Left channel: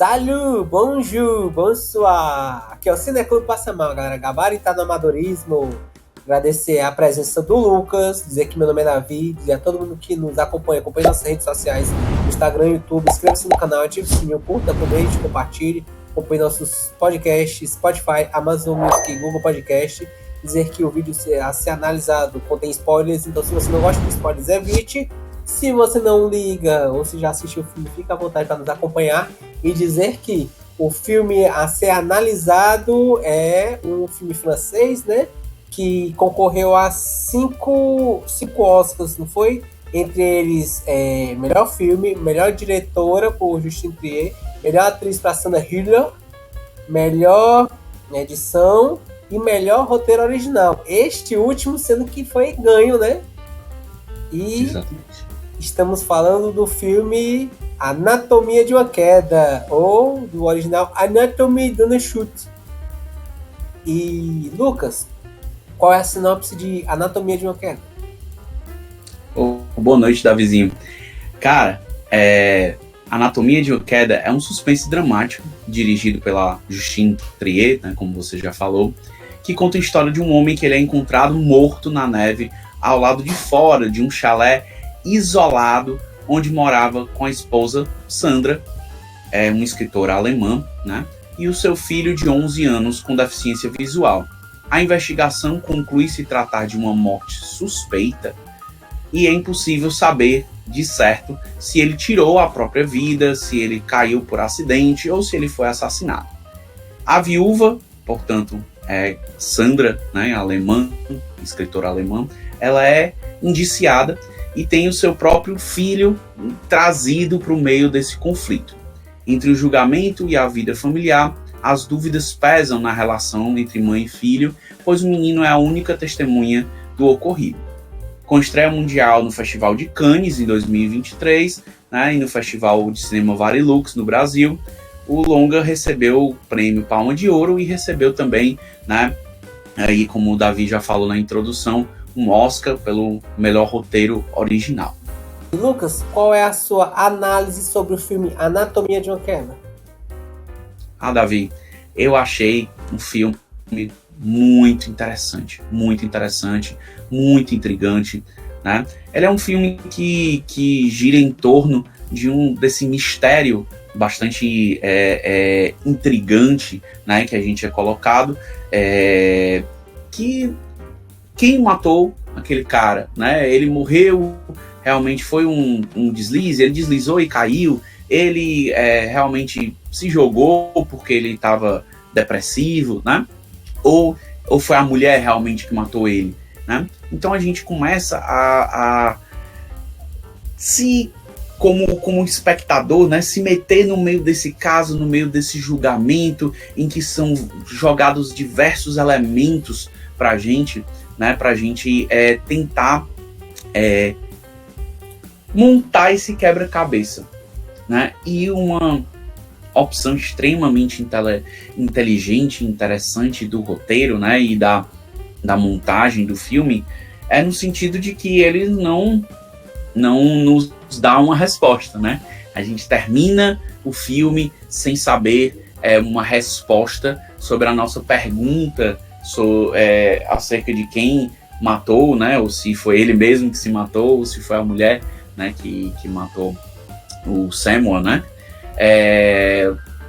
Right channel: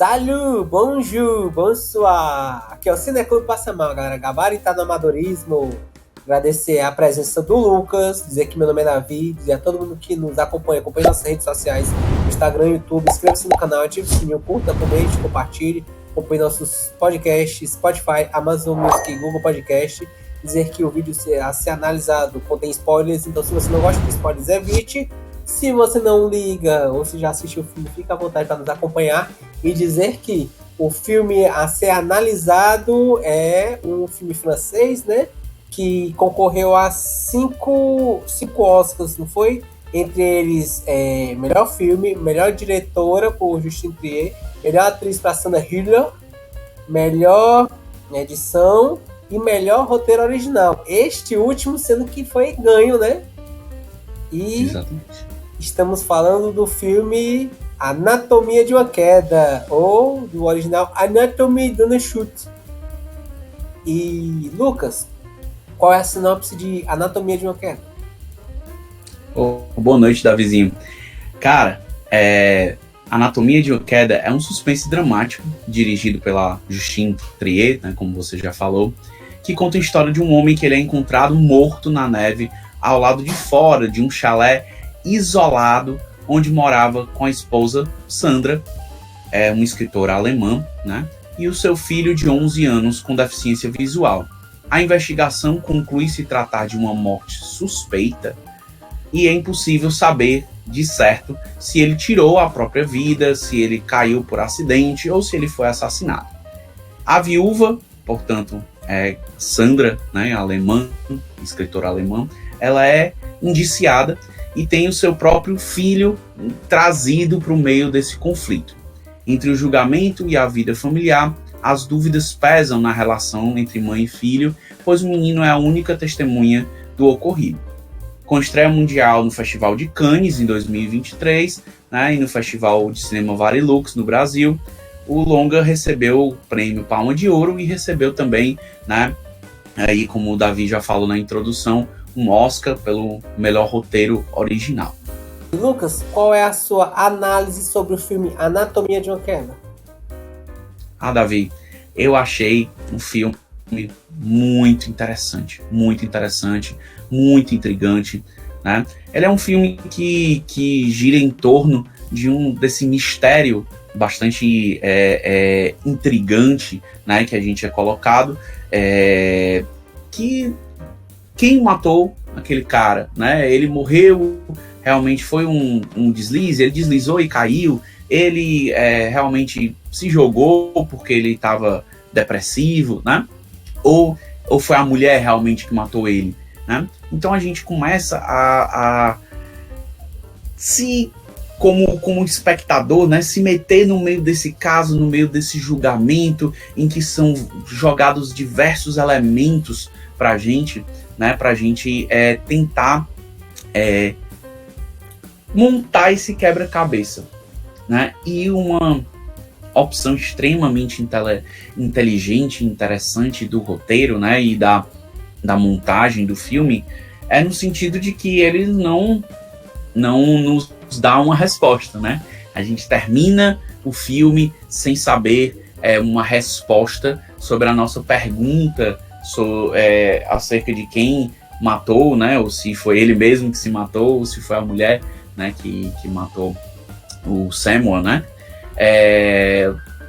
Salut, bonjour, bonsoir. Aqui é o Cineclube Passa Mal, galera. Gabaritado no amadorismo. Agradecer a presença do Lucas, dizer que meu nome é Davi, dizer a todo mundo que nos acompanha nossas redes sociais, no Instagram, YouTube, inscreva-se no canal, ative o sininho, curta, comente, compartilhe, acompanhe nossos podcasts, Spotify, Amazon Music, Google Podcast. Dizer que o vídeo a ser analisado contém spoilers, então se você não gosta de spoilers, evite. Se você não liga ou se já assistiu o filme, fica à vontade para nos acompanhar. E dizer que o filme a ser analisado é um filme francês, né? Que concorreu a cinco Oscars, não foi? Entre eles, melhor filme, melhor diretora por Justine Triet, melhor atriz para Sandra Hüller, melhor edição e melhor roteiro original. Este último sendo que foi ganho, né? E exatamente. Estamos falando do filme Anatomia de uma Queda, ou do original Anatomy d'une Chute. E, Lucas, qual é a sinopse de Anatomia de uma Queda? Boa noite, Davizinho. Cara, Anatomia de uma Queda é um suspense dramático, dirigido pela Justine Triet, né, como você já falou, que conta a história de um homem que ele é encontrado morto na neve ao lado de fora de um chalé isolado, onde morava com a esposa Sandra, uma escritora alemã, né, e o seu filho de 11 anos com deficiência visual. A investigação conclui se tratar de uma morte suspeita e é impossível saber de certo se ele tirou a própria vida, se ele caiu por acidente ou se ele foi assassinado. A viúva, portanto, Sandra, né, alemã, escritora alemã, ela é indiciada e tem o seu próprio filho trazido para o meio desse conflito. Entre o julgamento e a vida familiar, as dúvidas pesam na relação entre mãe e filho, pois o menino é a única testemunha do ocorrido. Com estreia mundial no Festival de Cannes em 2023, né, e no Festival de Cinema Varilux no Brasil, o longa recebeu o prêmio Palma de Ouro e recebeu também, né, aí, como o Davi já falou na introdução, um Oscar pelo melhor roteiro original. Lucas, qual é a sua análise sobre o filme Anatomia de uma Queda? Davi, eu achei um filme muito interessante, muito intrigante, né? Ele é um filme que gira em torno desse mistério bastante intrigante, né, que a gente é colocado, que quem matou aquele cara, né? Ele morreu, realmente foi um deslize, ele deslizou e caiu, ele realmente se jogou porque ele estava depressivo, né? Ou foi a mulher realmente que matou ele, né? Então a gente começa a se, como espectador, né, se meter no meio desse caso, no meio desse julgamento, em que são jogados diversos elementos para a gente, né, para a gente tentar montar esse quebra-cabeça, né? E uma opção extremamente inteligente, interessante do roteiro, né, e da montagem do filme é no sentido de que ele não nos dá uma resposta, né? A gente termina o filme sem saber uma resposta sobre a nossa pergunta acerca de quem matou, né? Ou se foi ele mesmo que se matou, ou se foi a mulher, né, que matou o Samuel, né?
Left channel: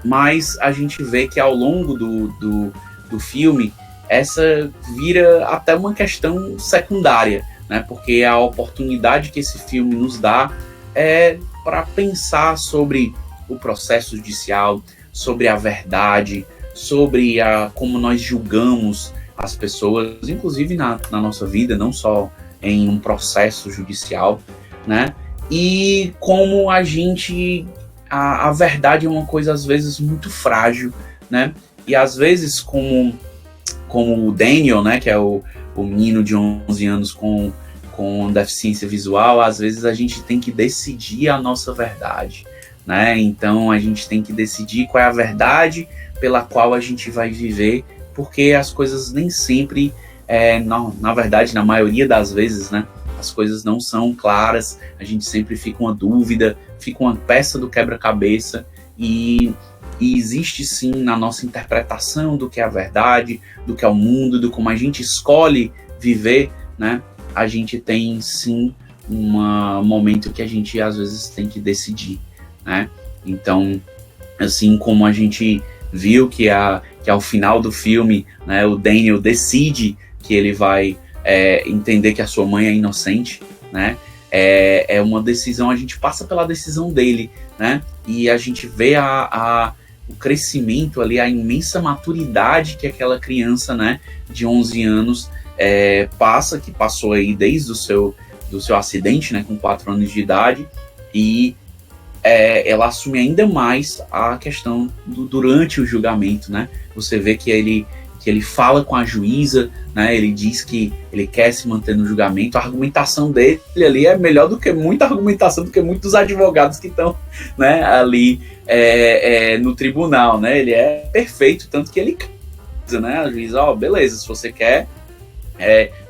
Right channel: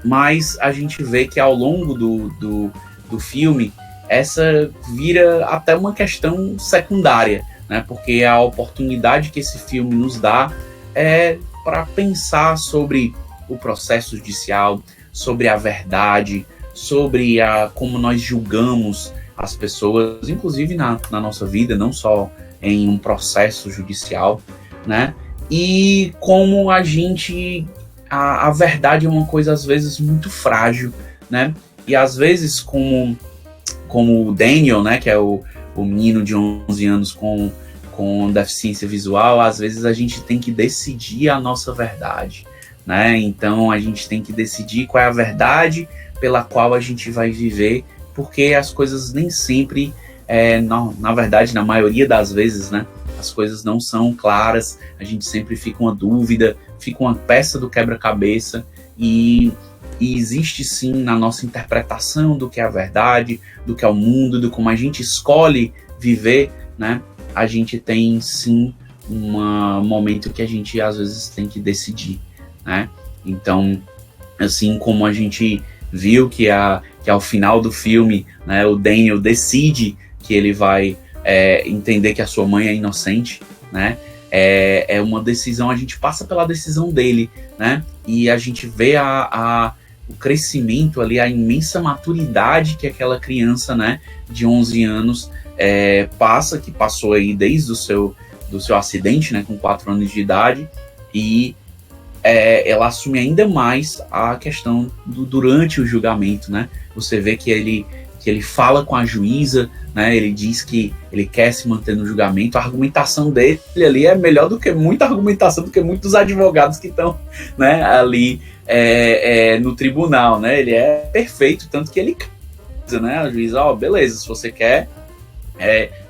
Mas a gente vê que ao longo do filme essa vira até uma questão secundária, né? Porque a oportunidade que esse filme nos dá é para pensar sobre o processo judicial, sobre a verdade, sobre como nós julgamos as pessoas, inclusive na nossa vida, não só em um processo judicial, né? E como a verdade é uma coisa, às vezes, muito frágil, né? E, às vezes, como o Daniel, né, que é o menino de 11 anos com deficiência visual, às vezes a gente tem que decidir a nossa verdade, né? Então, a gente tem que decidir qual é a verdade pela qual a gente vai viver, porque as coisas nem sempre, na verdade, na maioria das vezes, né, as coisas não são claras, a gente sempre fica uma dúvida, fica uma peça do quebra-cabeça, e e existe sim na nossa interpretação do que é a verdade, do que é o mundo, do como a gente escolhe viver, né? A gente tem sim um momento que a gente às vezes tem que decidir, né? Então, assim como a gente viu que ao final do filme, né, o Daniel decide que ele vai entender que a sua mãe é inocente, né? É uma decisão, a gente passa pela decisão dele, né? E a gente vê o crescimento ali, a imensa maturidade que aquela criança, né, de 11 anos que passou aí desde do seu acidente, né, com 4 anos de idade, e ela assume ainda mais a questão durante o julgamento, né? Você vê que ele fala com a juíza, né? Ele diz que ele quer se manter no julgamento. A argumentação dele ali é melhor do que muita argumentação do que muitos advogados que estão, né, ali no tribunal, né? Ele é perfeito, tanto que ele, né? A juíza, beleza, se você quer,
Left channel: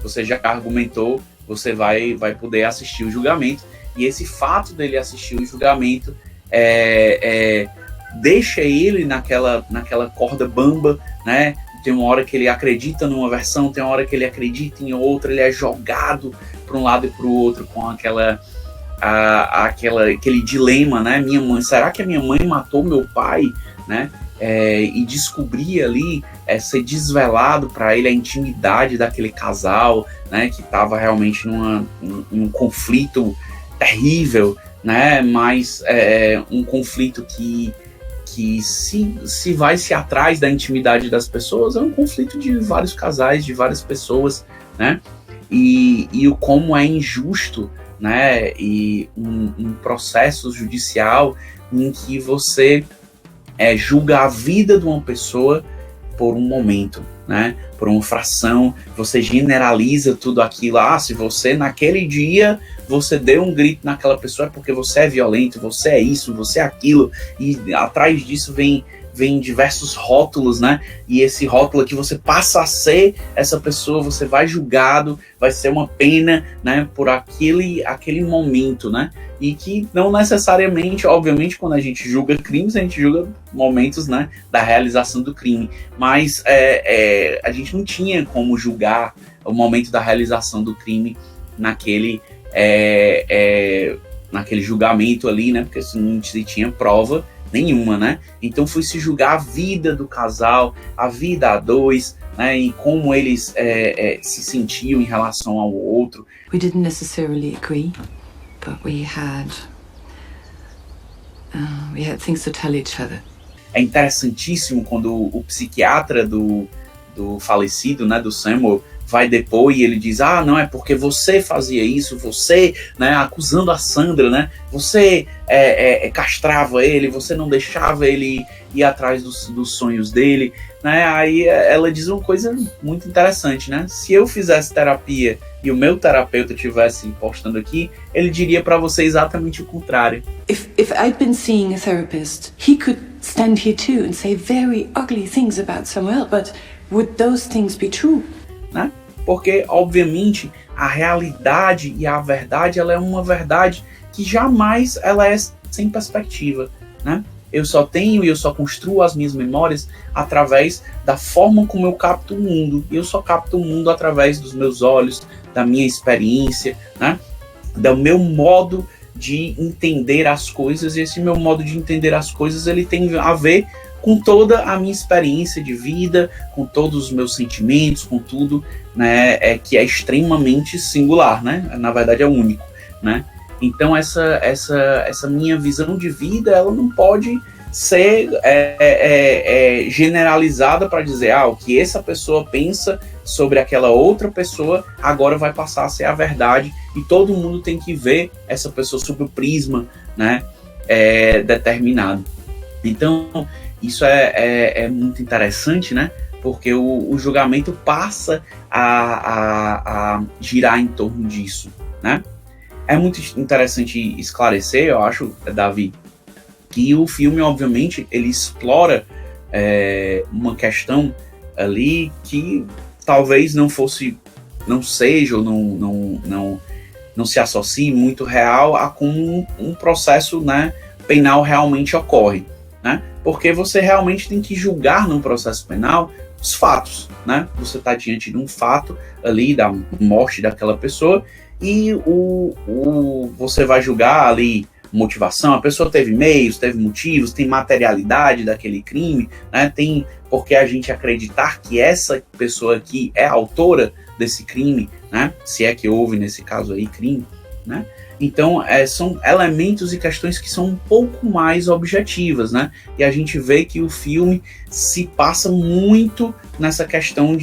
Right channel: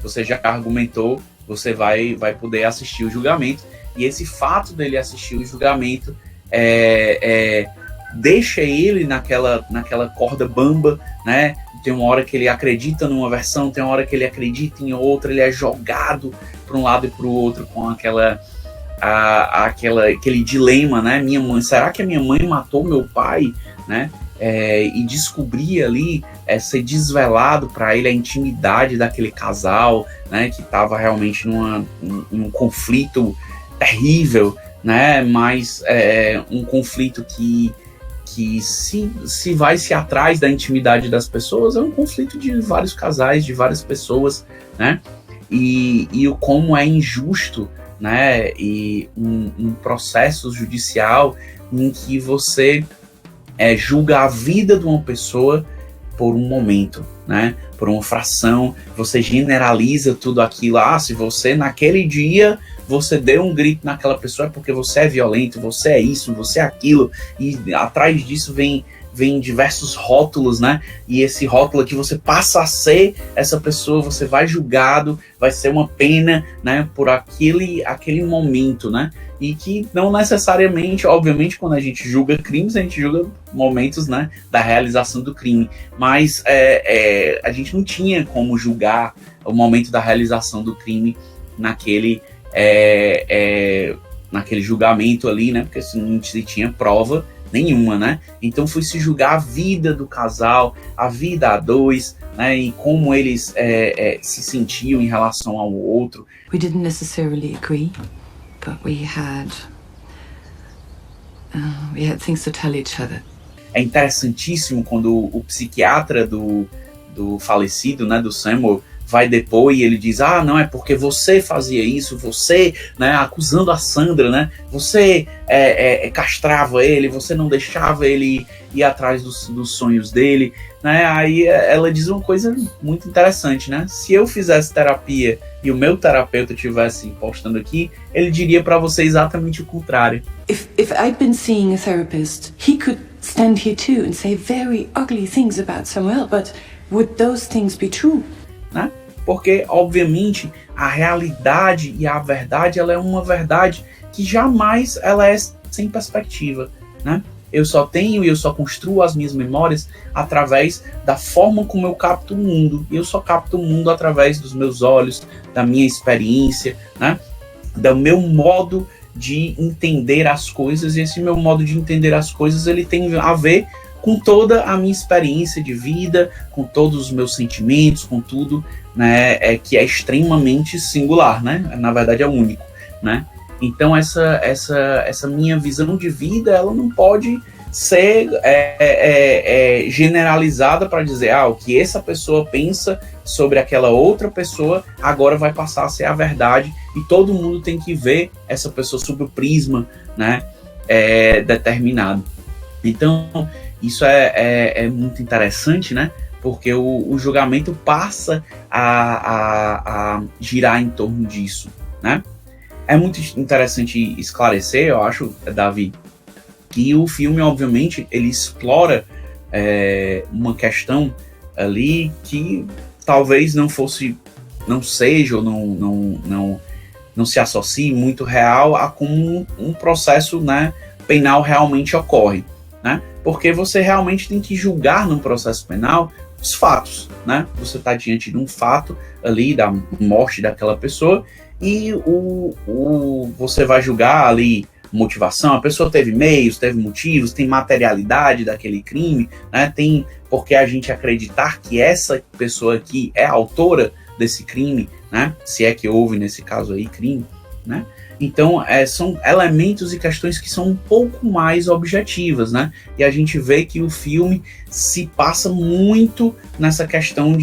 você já argumentou, você vai poder assistir o julgamento. E esse fato dele assistir o julgamento deixa ele naquela corda bamba, né? Tem uma hora que ele acredita numa versão, tem uma hora que ele acredita em outra, ele é jogado para um lado e para o outro com aquele dilema, né? Minha mãe, será que a minha mãe matou meu pai, né? E descobrir ali, ser desvelado para ele a intimidade daquele casal, né? Que estava realmente em um conflito terrível, né? Mas um conflito que se vai se atrás da intimidade das pessoas, é um conflito de vários casais, de várias pessoas, né? E o como é injusto, né? E um processo judicial em que você julga a vida de uma pessoa por um momento, né? Por uma fração, você generaliza tudo aquilo. Se você naquele dia você deu um grito naquela pessoa, é porque você é violento, você é isso, você é aquilo, e atrás disso vem diversos rótulos, né? E esse rótulo aqui, você passa a ser essa pessoa, você vai julgado, vai ser uma pena, né? Por aquele momento, né? E que não necessariamente, obviamente, quando a gente julga crimes, a gente julga momentos, né, da realização do crime, mas a gente não tinha como julgar o momento da realização do crime naquele julgamento ali, né? Porque não se tinha prova nenhuma, né? Então foi se julgar a vida do casal, a vida a dois, né? E como eles se sentiam em relação ao outro. We didn't necessarily agree, but we had things to tell each other. É interessantíssimo quando o psiquiatra do falecido, né, do Samuel, vai depor e ele diz, não, é porque você fazia isso, você, né, acusando a Sandra, né, você castrava ele, você não deixava ele ir atrás dos sonhos dele, né, aí ela diz uma coisa muito interessante, né, se eu fizesse terapia e o meu terapeuta estivesse postando aqui, ele diria para você exatamente o contrário. If I'd been seeing a therapist, he could stand here too and say very ugly things about Samuel, but would those things be true? Né? Porque, obviamente, a realidade e a verdade, ela é uma verdade que jamais ela é sem perspectiva, né? Eu só tenho e eu só construo as minhas memórias através da forma como eu capto o mundo. E eu só capto o mundo através dos meus olhos, da minha experiência, né? Do meu modo de entender as coisas. E esse meu modo de entender as coisas, ele tem a ver com toda a minha experiência de vida, com todos os meus sentimentos, com tudo, né, que é extremamente singular, né? Na verdade é único, né? Então essa minha visão de vida, ela não pode ser generalizada para dizer o que essa pessoa pensa sobre aquela outra pessoa agora vai passar a ser a verdade e todo mundo tem que ver essa pessoa sob o prisma, né, determinado. Então isso é muito interessante, né? Porque o julgamento passa a girar em torno disso, né? É muito interessante esclarecer, eu acho, Davi, que o filme, obviamente, ele explora uma questão ali que talvez não seja ou não se associe muito real a como um processo, né, penal realmente ocorre, né? Porque você realmente tem que julgar num processo penal os fatos, né? Você está diante de um fato ali da morte daquela pessoa e você vai julgar ali motivação, a pessoa teve meios, teve motivos, tem materialidade daquele crime, né? Tem porque a gente acreditar que essa pessoa aqui é a autora desse crime, né? Se é que houve nesse caso aí crime, né? Então, são elementos e questões que são um pouco mais objetivas, né? E a gente vê que o filme se passa muito nessa questão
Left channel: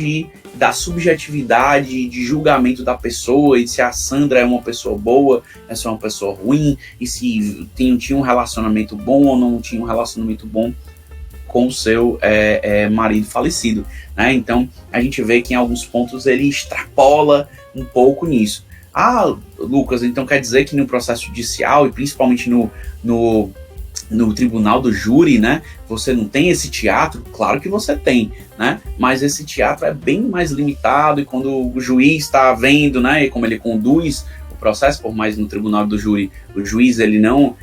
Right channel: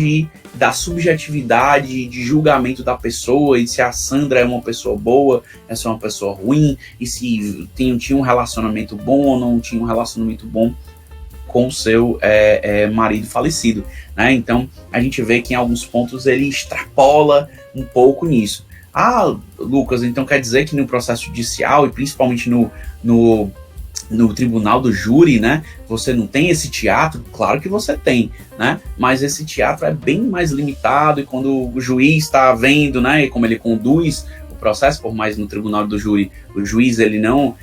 da subjetividade, de julgamento da pessoa, e se a Sandra é uma pessoa boa, se é uma pessoa ruim, e se tinha um relacionamento bom ou não tinha um relacionamento bom com o seu marido falecido, né? Então, a gente vê que em alguns pontos ele extrapola um pouco nisso. Ah, Lucas, então quer dizer que no processo judicial e principalmente no tribunal do júri, né, você não tem esse teatro? Claro que você tem, né, mas esse teatro é bem mais limitado e quando o juiz está vendo, né, e como ele conduz o processo, por mais no tribunal do júri, o juiz ele não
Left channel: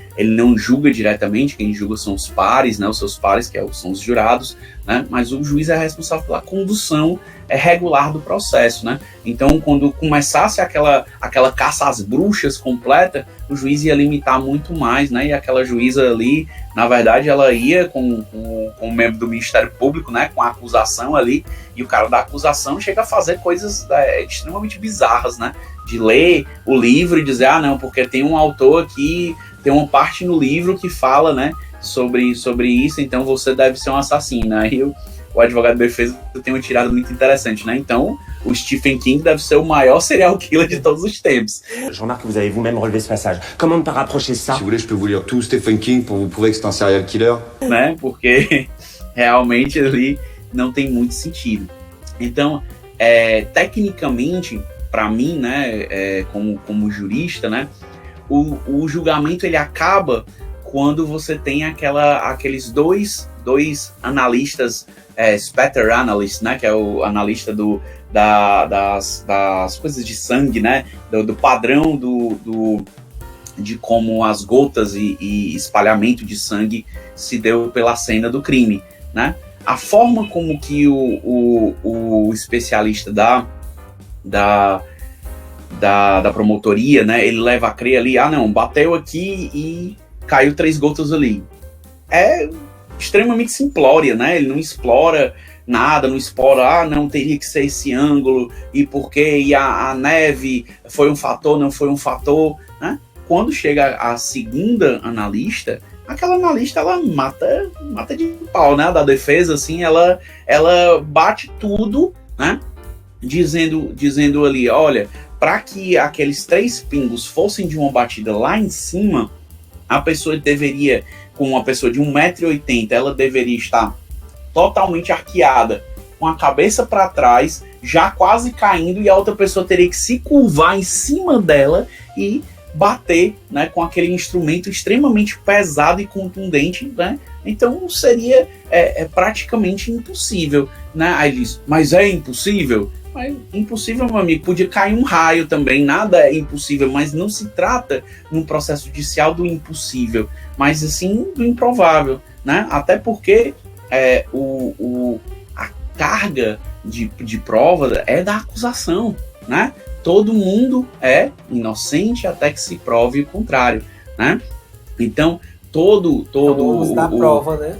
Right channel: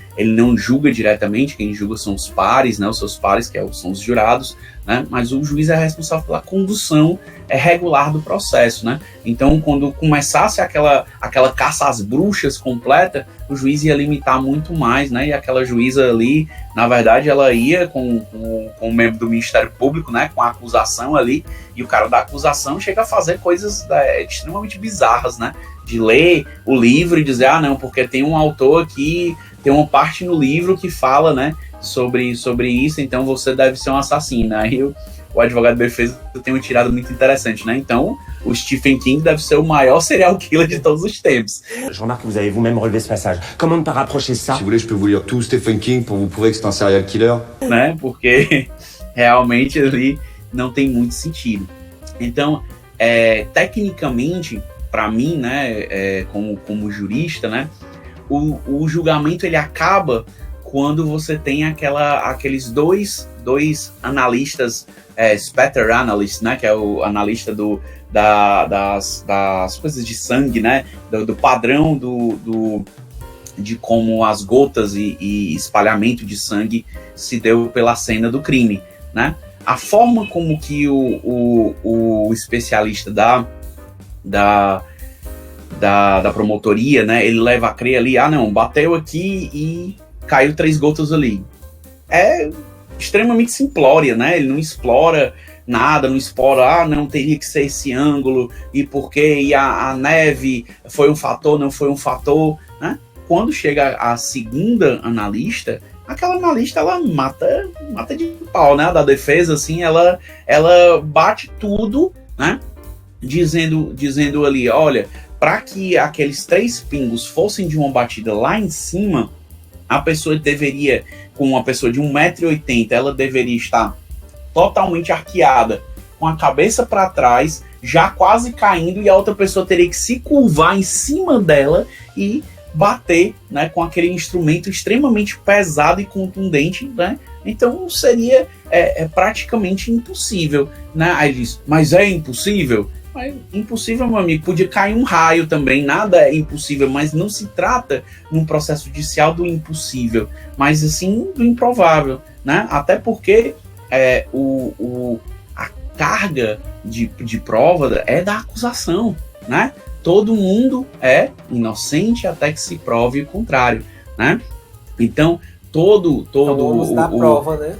julga diretamente, quem julga são os pares, né, os seus pares, que são os jurados, né, mas o juiz é responsável pela condução regular do processo, né? Então, quando começasse aquela caça às bruxas completa, o juiz ia limitar muito mais, né? E aquela juíza ali, na verdade, ela ia com o membro do Ministério Público, né? Com a acusação ali, e o cara da acusação chega a fazer coisas extremamente bizarras, né? De ler o livro e dizer, não, porque tem um autor aqui, tem uma parte no livro que fala, né? Sobre isso, então você deve ser um assassino. Aí o advogado de defesa tem uma tirada muito interessante, né? Então, o Stephen King deve ser o maior serial killer de todos os tempos. Je remarque que vous avez vous-même relevé ce passage. Comment ne pas rapprocher ça? Si vous voulez, je peux vous lire tout Stephen King pour vous prouver que c'est un serial killer. Né? Porque realmente ali não tem muito sentido. Então, tecnicamente, para mim, né, como jurista, né, o julgamento ele acaba quando você tem aqueles dois analistas, spatter analyst, né, que é o analista das coisas de sangue, né, do padrão de como as gotas e espalhamento de sangue se deu pela cena do crime, né? A forma como que o especialista da promotoria, né, ele leva a crer ali, não, bateu aqui e caiu 3 gotas ali. É extremamente simplória, né? Ele não explora nada, não explora, não teria que ser esse ângulo, e porque e a neve foi um fator, não foi um fator, né? Quando chega a segunda analista, aquela analista, ela mata de pau, né? Da defesa, assim, ela bate tudo, né? Dizendo ali, olha, para que aqueles 3 pingos fossem de uma batida lá em cima, a pessoa deveria, com uma pessoa de 1,80 m, ela deveria estar totalmente arqueada, com a cabeça para trás, já quase caindo, e a outra pessoa teria que se curvar em cima dela e bater, né, com aquele instrumento extremamente pesado e contundente, né? Então seria praticamente impossível, né? Aí ele diz, mas é impossível? Mas impossível, meu amigo, podia cair um raio também, nada é impossível, mas não se trata num processo judicial do impossível, mas assim do improvável, né? Até porque a carga de prova é da acusação, né? Todo mundo é inocente até que se prove o contrário, né? Então, todo ônus da prova, né?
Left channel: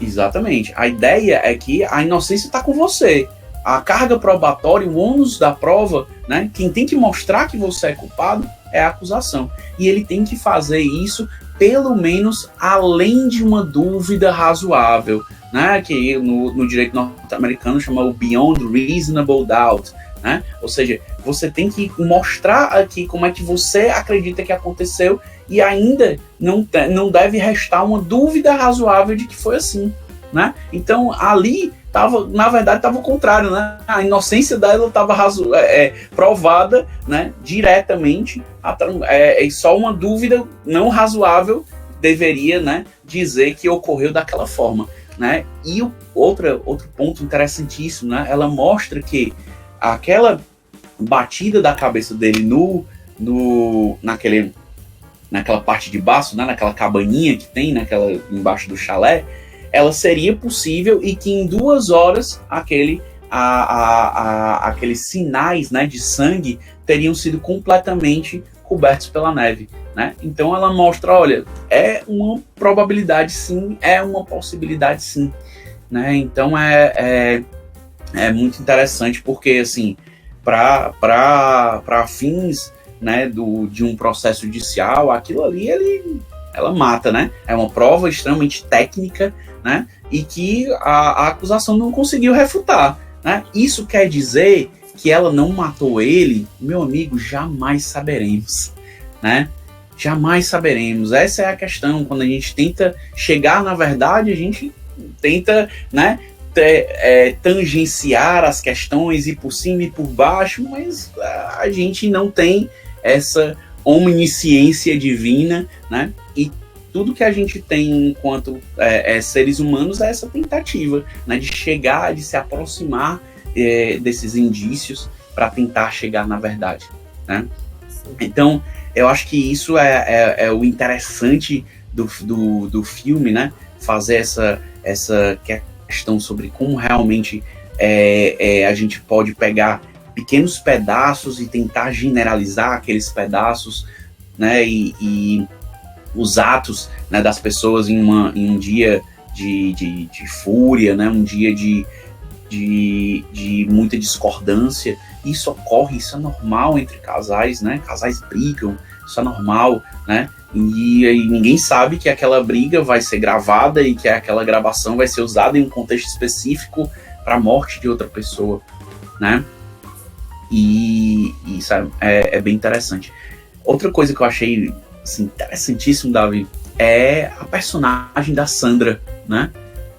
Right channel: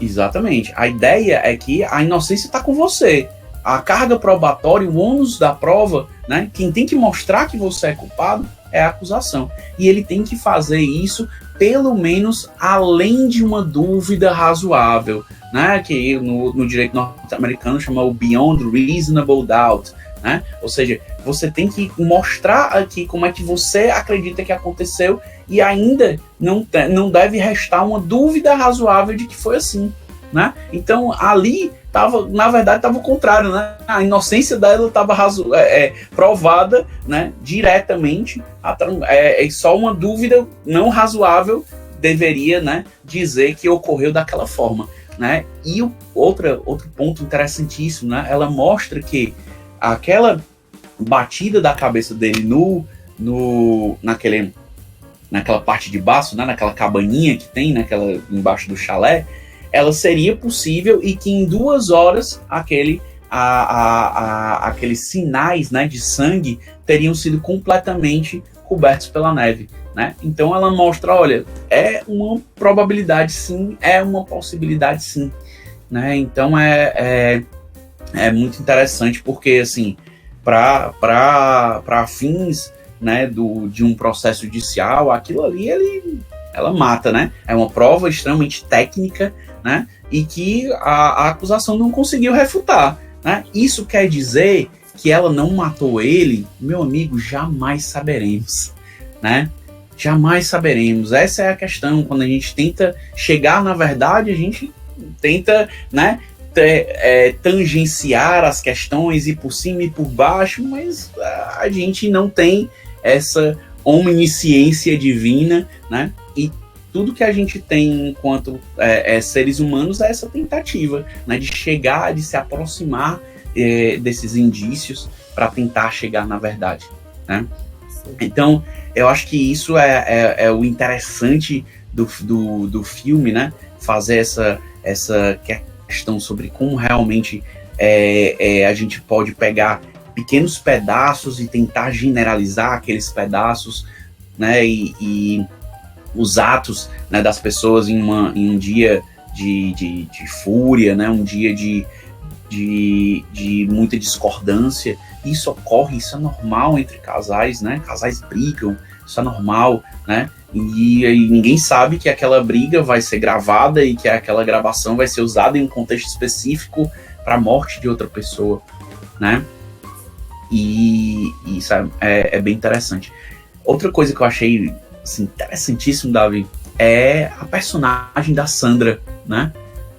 Exatamente. A ideia é que a inocência está com você. A carga probatória, o ônus da prova, né? Quem tem que mostrar que você é culpado é a acusação. E ele tem que fazer isso, pelo menos, além de uma dúvida razoável, né? Que no direito norte-americano chama o beyond reasonable doubt, né? Ou seja, você tem que mostrar aqui como é que você acredita que aconteceu e ainda não deve restar uma dúvida razoável de que foi assim, né? Então, ali na verdade estava o contrário, né? A inocência dela estava provada, né, diretamente, só uma dúvida não razoável deveria, né, dizer que ocorreu daquela forma, né? E outro ponto interessantíssimo, né? Ela mostra que aquela batida da cabeça dele naquela parte de baixo, né, naquela cabaninha que tem embaixo do chalé, ela seria possível e que em 2 horas aqueles sinais, né, de sangue teriam sido completamente cobertos pela neve, né? Então ela mostra, olha, é uma probabilidade sim, é uma possibilidade sim, né? Então é muito interessante porque, assim, para fins, né, de um processo judicial, aquilo ali ela mata, né? É uma prova extremamente técnica, né? E que a acusação não conseguiu refutar, né? Isso quer dizer que ela não matou ele? Meu amigo, jamais saberemos, né? Jamais saberemos. Essa é a questão. Quando a gente tenta chegar na verdade, a gente tenta, né, tangenciar as questões, ir por cima e por baixo, mas a gente não tem essa omnisciência divina, né? E tudo que a gente tem enquanto seres humanos é essa tentativa, né, de chegar, de se aproximar desses indícios para tentar chegar na verdade, né? Então, eu acho que isso é o interessante do filme, né? Fazer essa questão sobre como realmente a gente pode pegar pequenos pedaços e tentar generalizar aqueles pedaços, né? E os atos, né, das pessoas em um dia de fúria, né? Um dia de muita discordância. Isso ocorre, isso é normal entre casais, né? Casais brigam, isso é normal, né? E ninguém sabe que aquela briga vai ser gravada e que aquela gravação vai ser usada em um contexto específico para a morte de outra pessoa, né? E isso é bem interessante. Outra coisa que eu achei, assim, interessantíssimo, Davi, é a personagem da Sandra, né?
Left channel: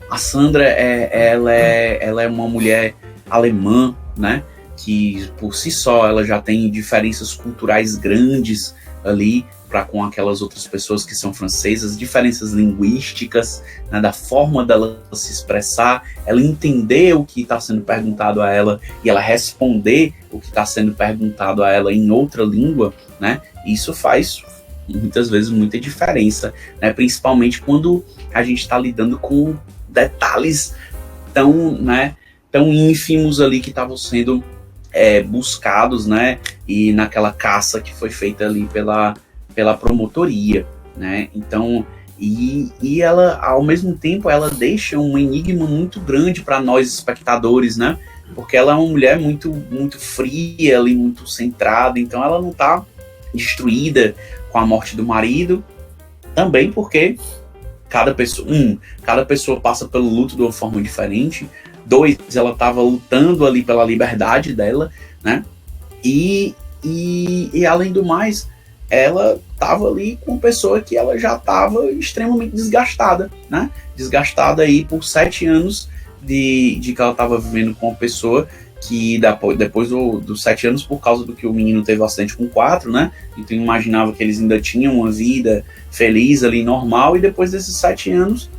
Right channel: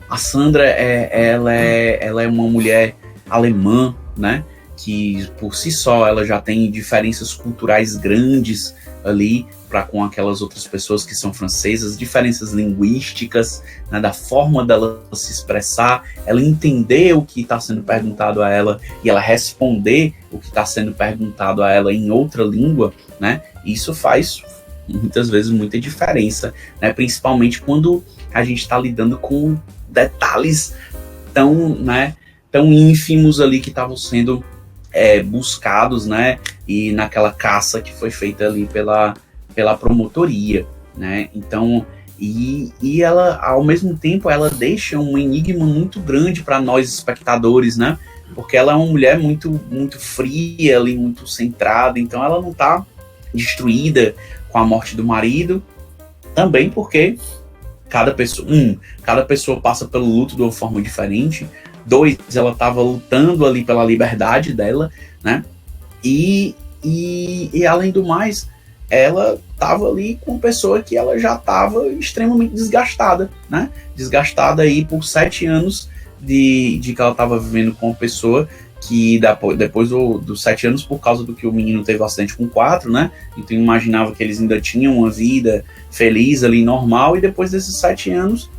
A Sandra, ela é uma mulher alemã, né? Que por si só ela já tem diferenças culturais grandes ali para com aquelas outras pessoas que são francesas, diferenças linguísticas, né, da forma dela se expressar, ela entender o que está sendo perguntado a ela e ela responder o que está sendo perguntado a ela em outra língua, né? Isso faz muitas vezes muita diferença, né? Principalmente quando a gente está lidando com detalhes tão ínfimos ali que estavam sendo buscados, né? E naquela caça que foi feita ali pela promotoria, né? Então, e ela, ao mesmo tempo, ela deixa um enigma muito grande para nós espectadores, né? Porque ela é uma mulher muito, muito fria ali, muito centrada, então ela não está destruída com a morte do marido, também porque cada pessoa passa pelo luto de uma forma diferente. 2, ela estava lutando ali pela liberdade dela, né? E além do mais, ela estava ali com uma pessoa que ela já estava extremamente desgastada, né? Desgastada aí por 7 anos de que ela estava vivendo com uma pessoa que depois dos 7 anos, por causa do que o menino teve um acidente com 4, né? Então imaginava que eles ainda tinham uma vida feliz ali, normal, e depois desses 7 anos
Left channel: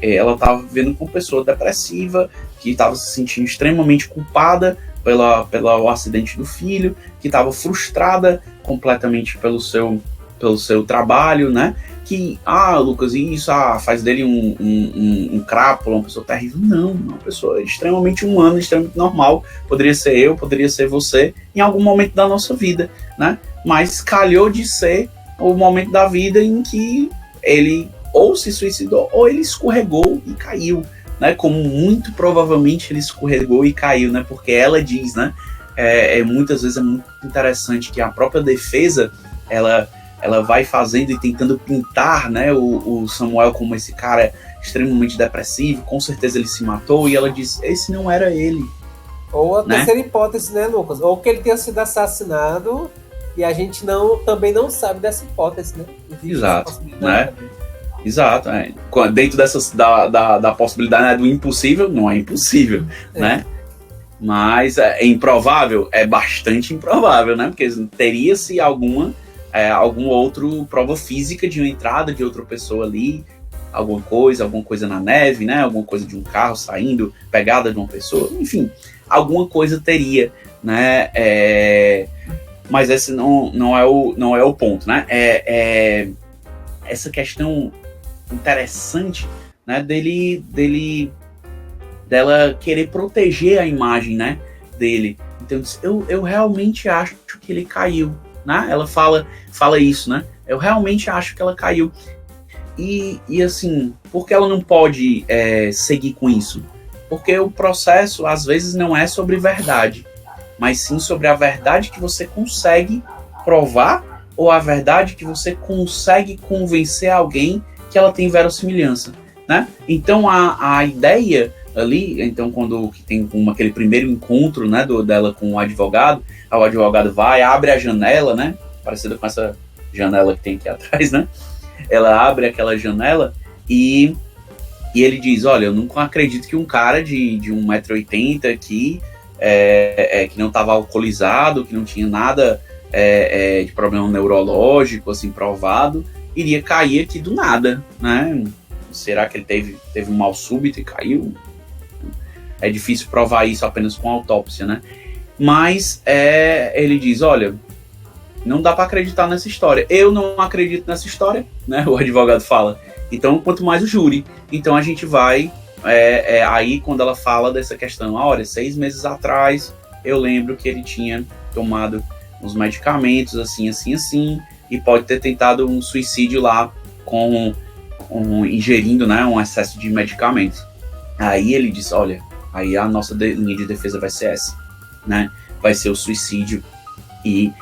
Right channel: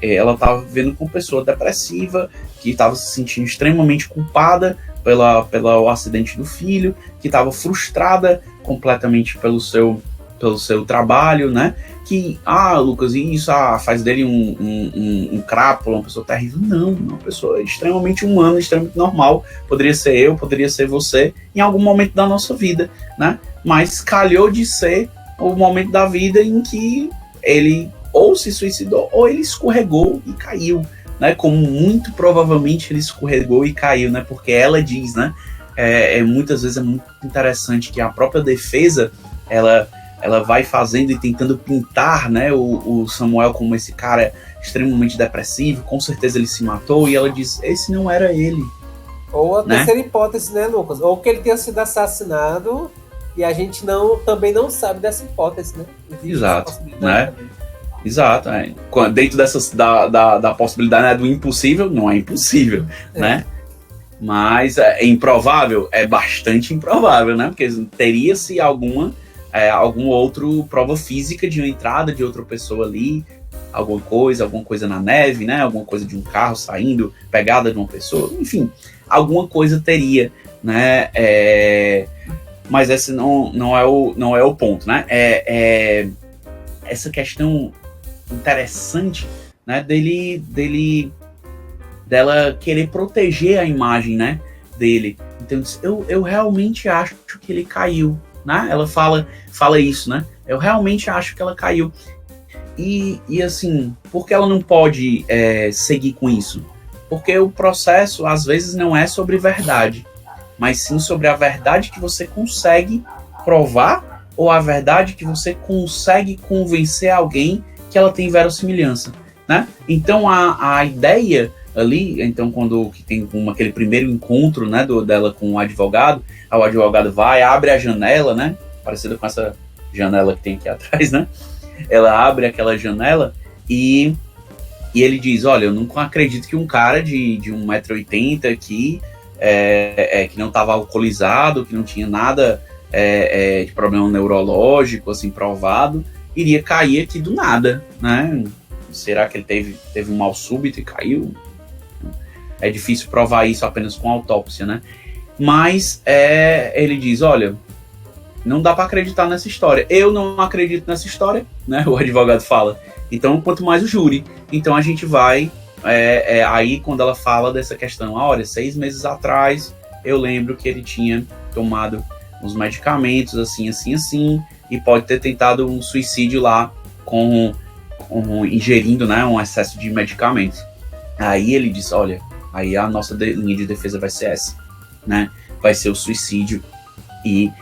ela estava vivendo com uma pessoa depressiva, que estava se sentindo extremamente culpada pelo acidente do filho, que estava frustrada completamente pelo seu trabalho, né? Que, Lucas, isso faz dele um crápula, uma pessoa terrível. Não, uma pessoa extremamente humana, extremamente normal. Poderia ser eu, poderia ser você, em algum momento da nossa vida, né? Mas calhou de ser o momento da vida em que ele ou se suicidou ou ele escorregou e caiu, né? Como muito provavelmente ele escorregou e caiu, né? Porque ela diz, né? Muitas vezes é muito interessante que a própria defesa, ela vai fazendo e tentando pintar, né, o Samuel como esse cara extremamente depressivo, com certeza ele se matou, e ela diz, esse não era ele. Ou a terceira hipótese, né, Lucas? Ou que ele tenha sido assassinado e a gente também não sabe dessa hipótese, né? Existe exato, né? Exato, dentro da possibilidade, né, do impossível, não é impossível, né? Mas é improvável? É bastante improvável, né? Porque teria-se alguma outro prova física de uma entrada de outra pessoa ali, alguma coisa na neve, né? Alguma coisa de um carro saindo, pegada de uma pessoa, enfim, alguma coisa teria, né? Mas esse não é o ponto, né? Essa questão interessante né, dela querer proteger a imagem, né, dele. Então eu realmente acho que ele caiu, né? Ela fala isso, né? Eu realmente acho que ela caiu. E assim, por que ela não pode seguir com isso? Porque o processo, às vezes, não é sobre verdade, mas sim sobre a verdade que você consegue provar ou a verdade que você consegue convencer alguém que ela tem verossimilhança, né? Então, a ideia ali, então, quando que tem aquele primeiro encontro, né, dela com o advogado vai, abre a janela, né? Parecida com essa janela que tem aqui atrás, né? Ela abre aquela janela e ele diz, olha, eu não acredito que um cara de 1,80 m aqui, que não estava alcoolizado, que não tinha nada de problema neurológico, assim, provado, iria cair aqui do nada, né? Será que ele teve um mal súbito e caiu? É difícil provar isso apenas com autópsia, né? Mas ele diz, olha, não dá para acreditar nessa história. Eu não acredito nessa história, né? O advogado fala. Então, quanto mais o júri. Então, a gente vai... aí, quando ela fala dessa questão, olha, 6 meses atrás, eu lembro que ele tinha tomado uns medicamentos, assim, e pode ter tentado um suicídio lá ingerindo, né, um excesso de medicamentos. Aí ele diz, olha, aí a nossa linha de defesa vai ser essa, né? Vai ser o suicídio. E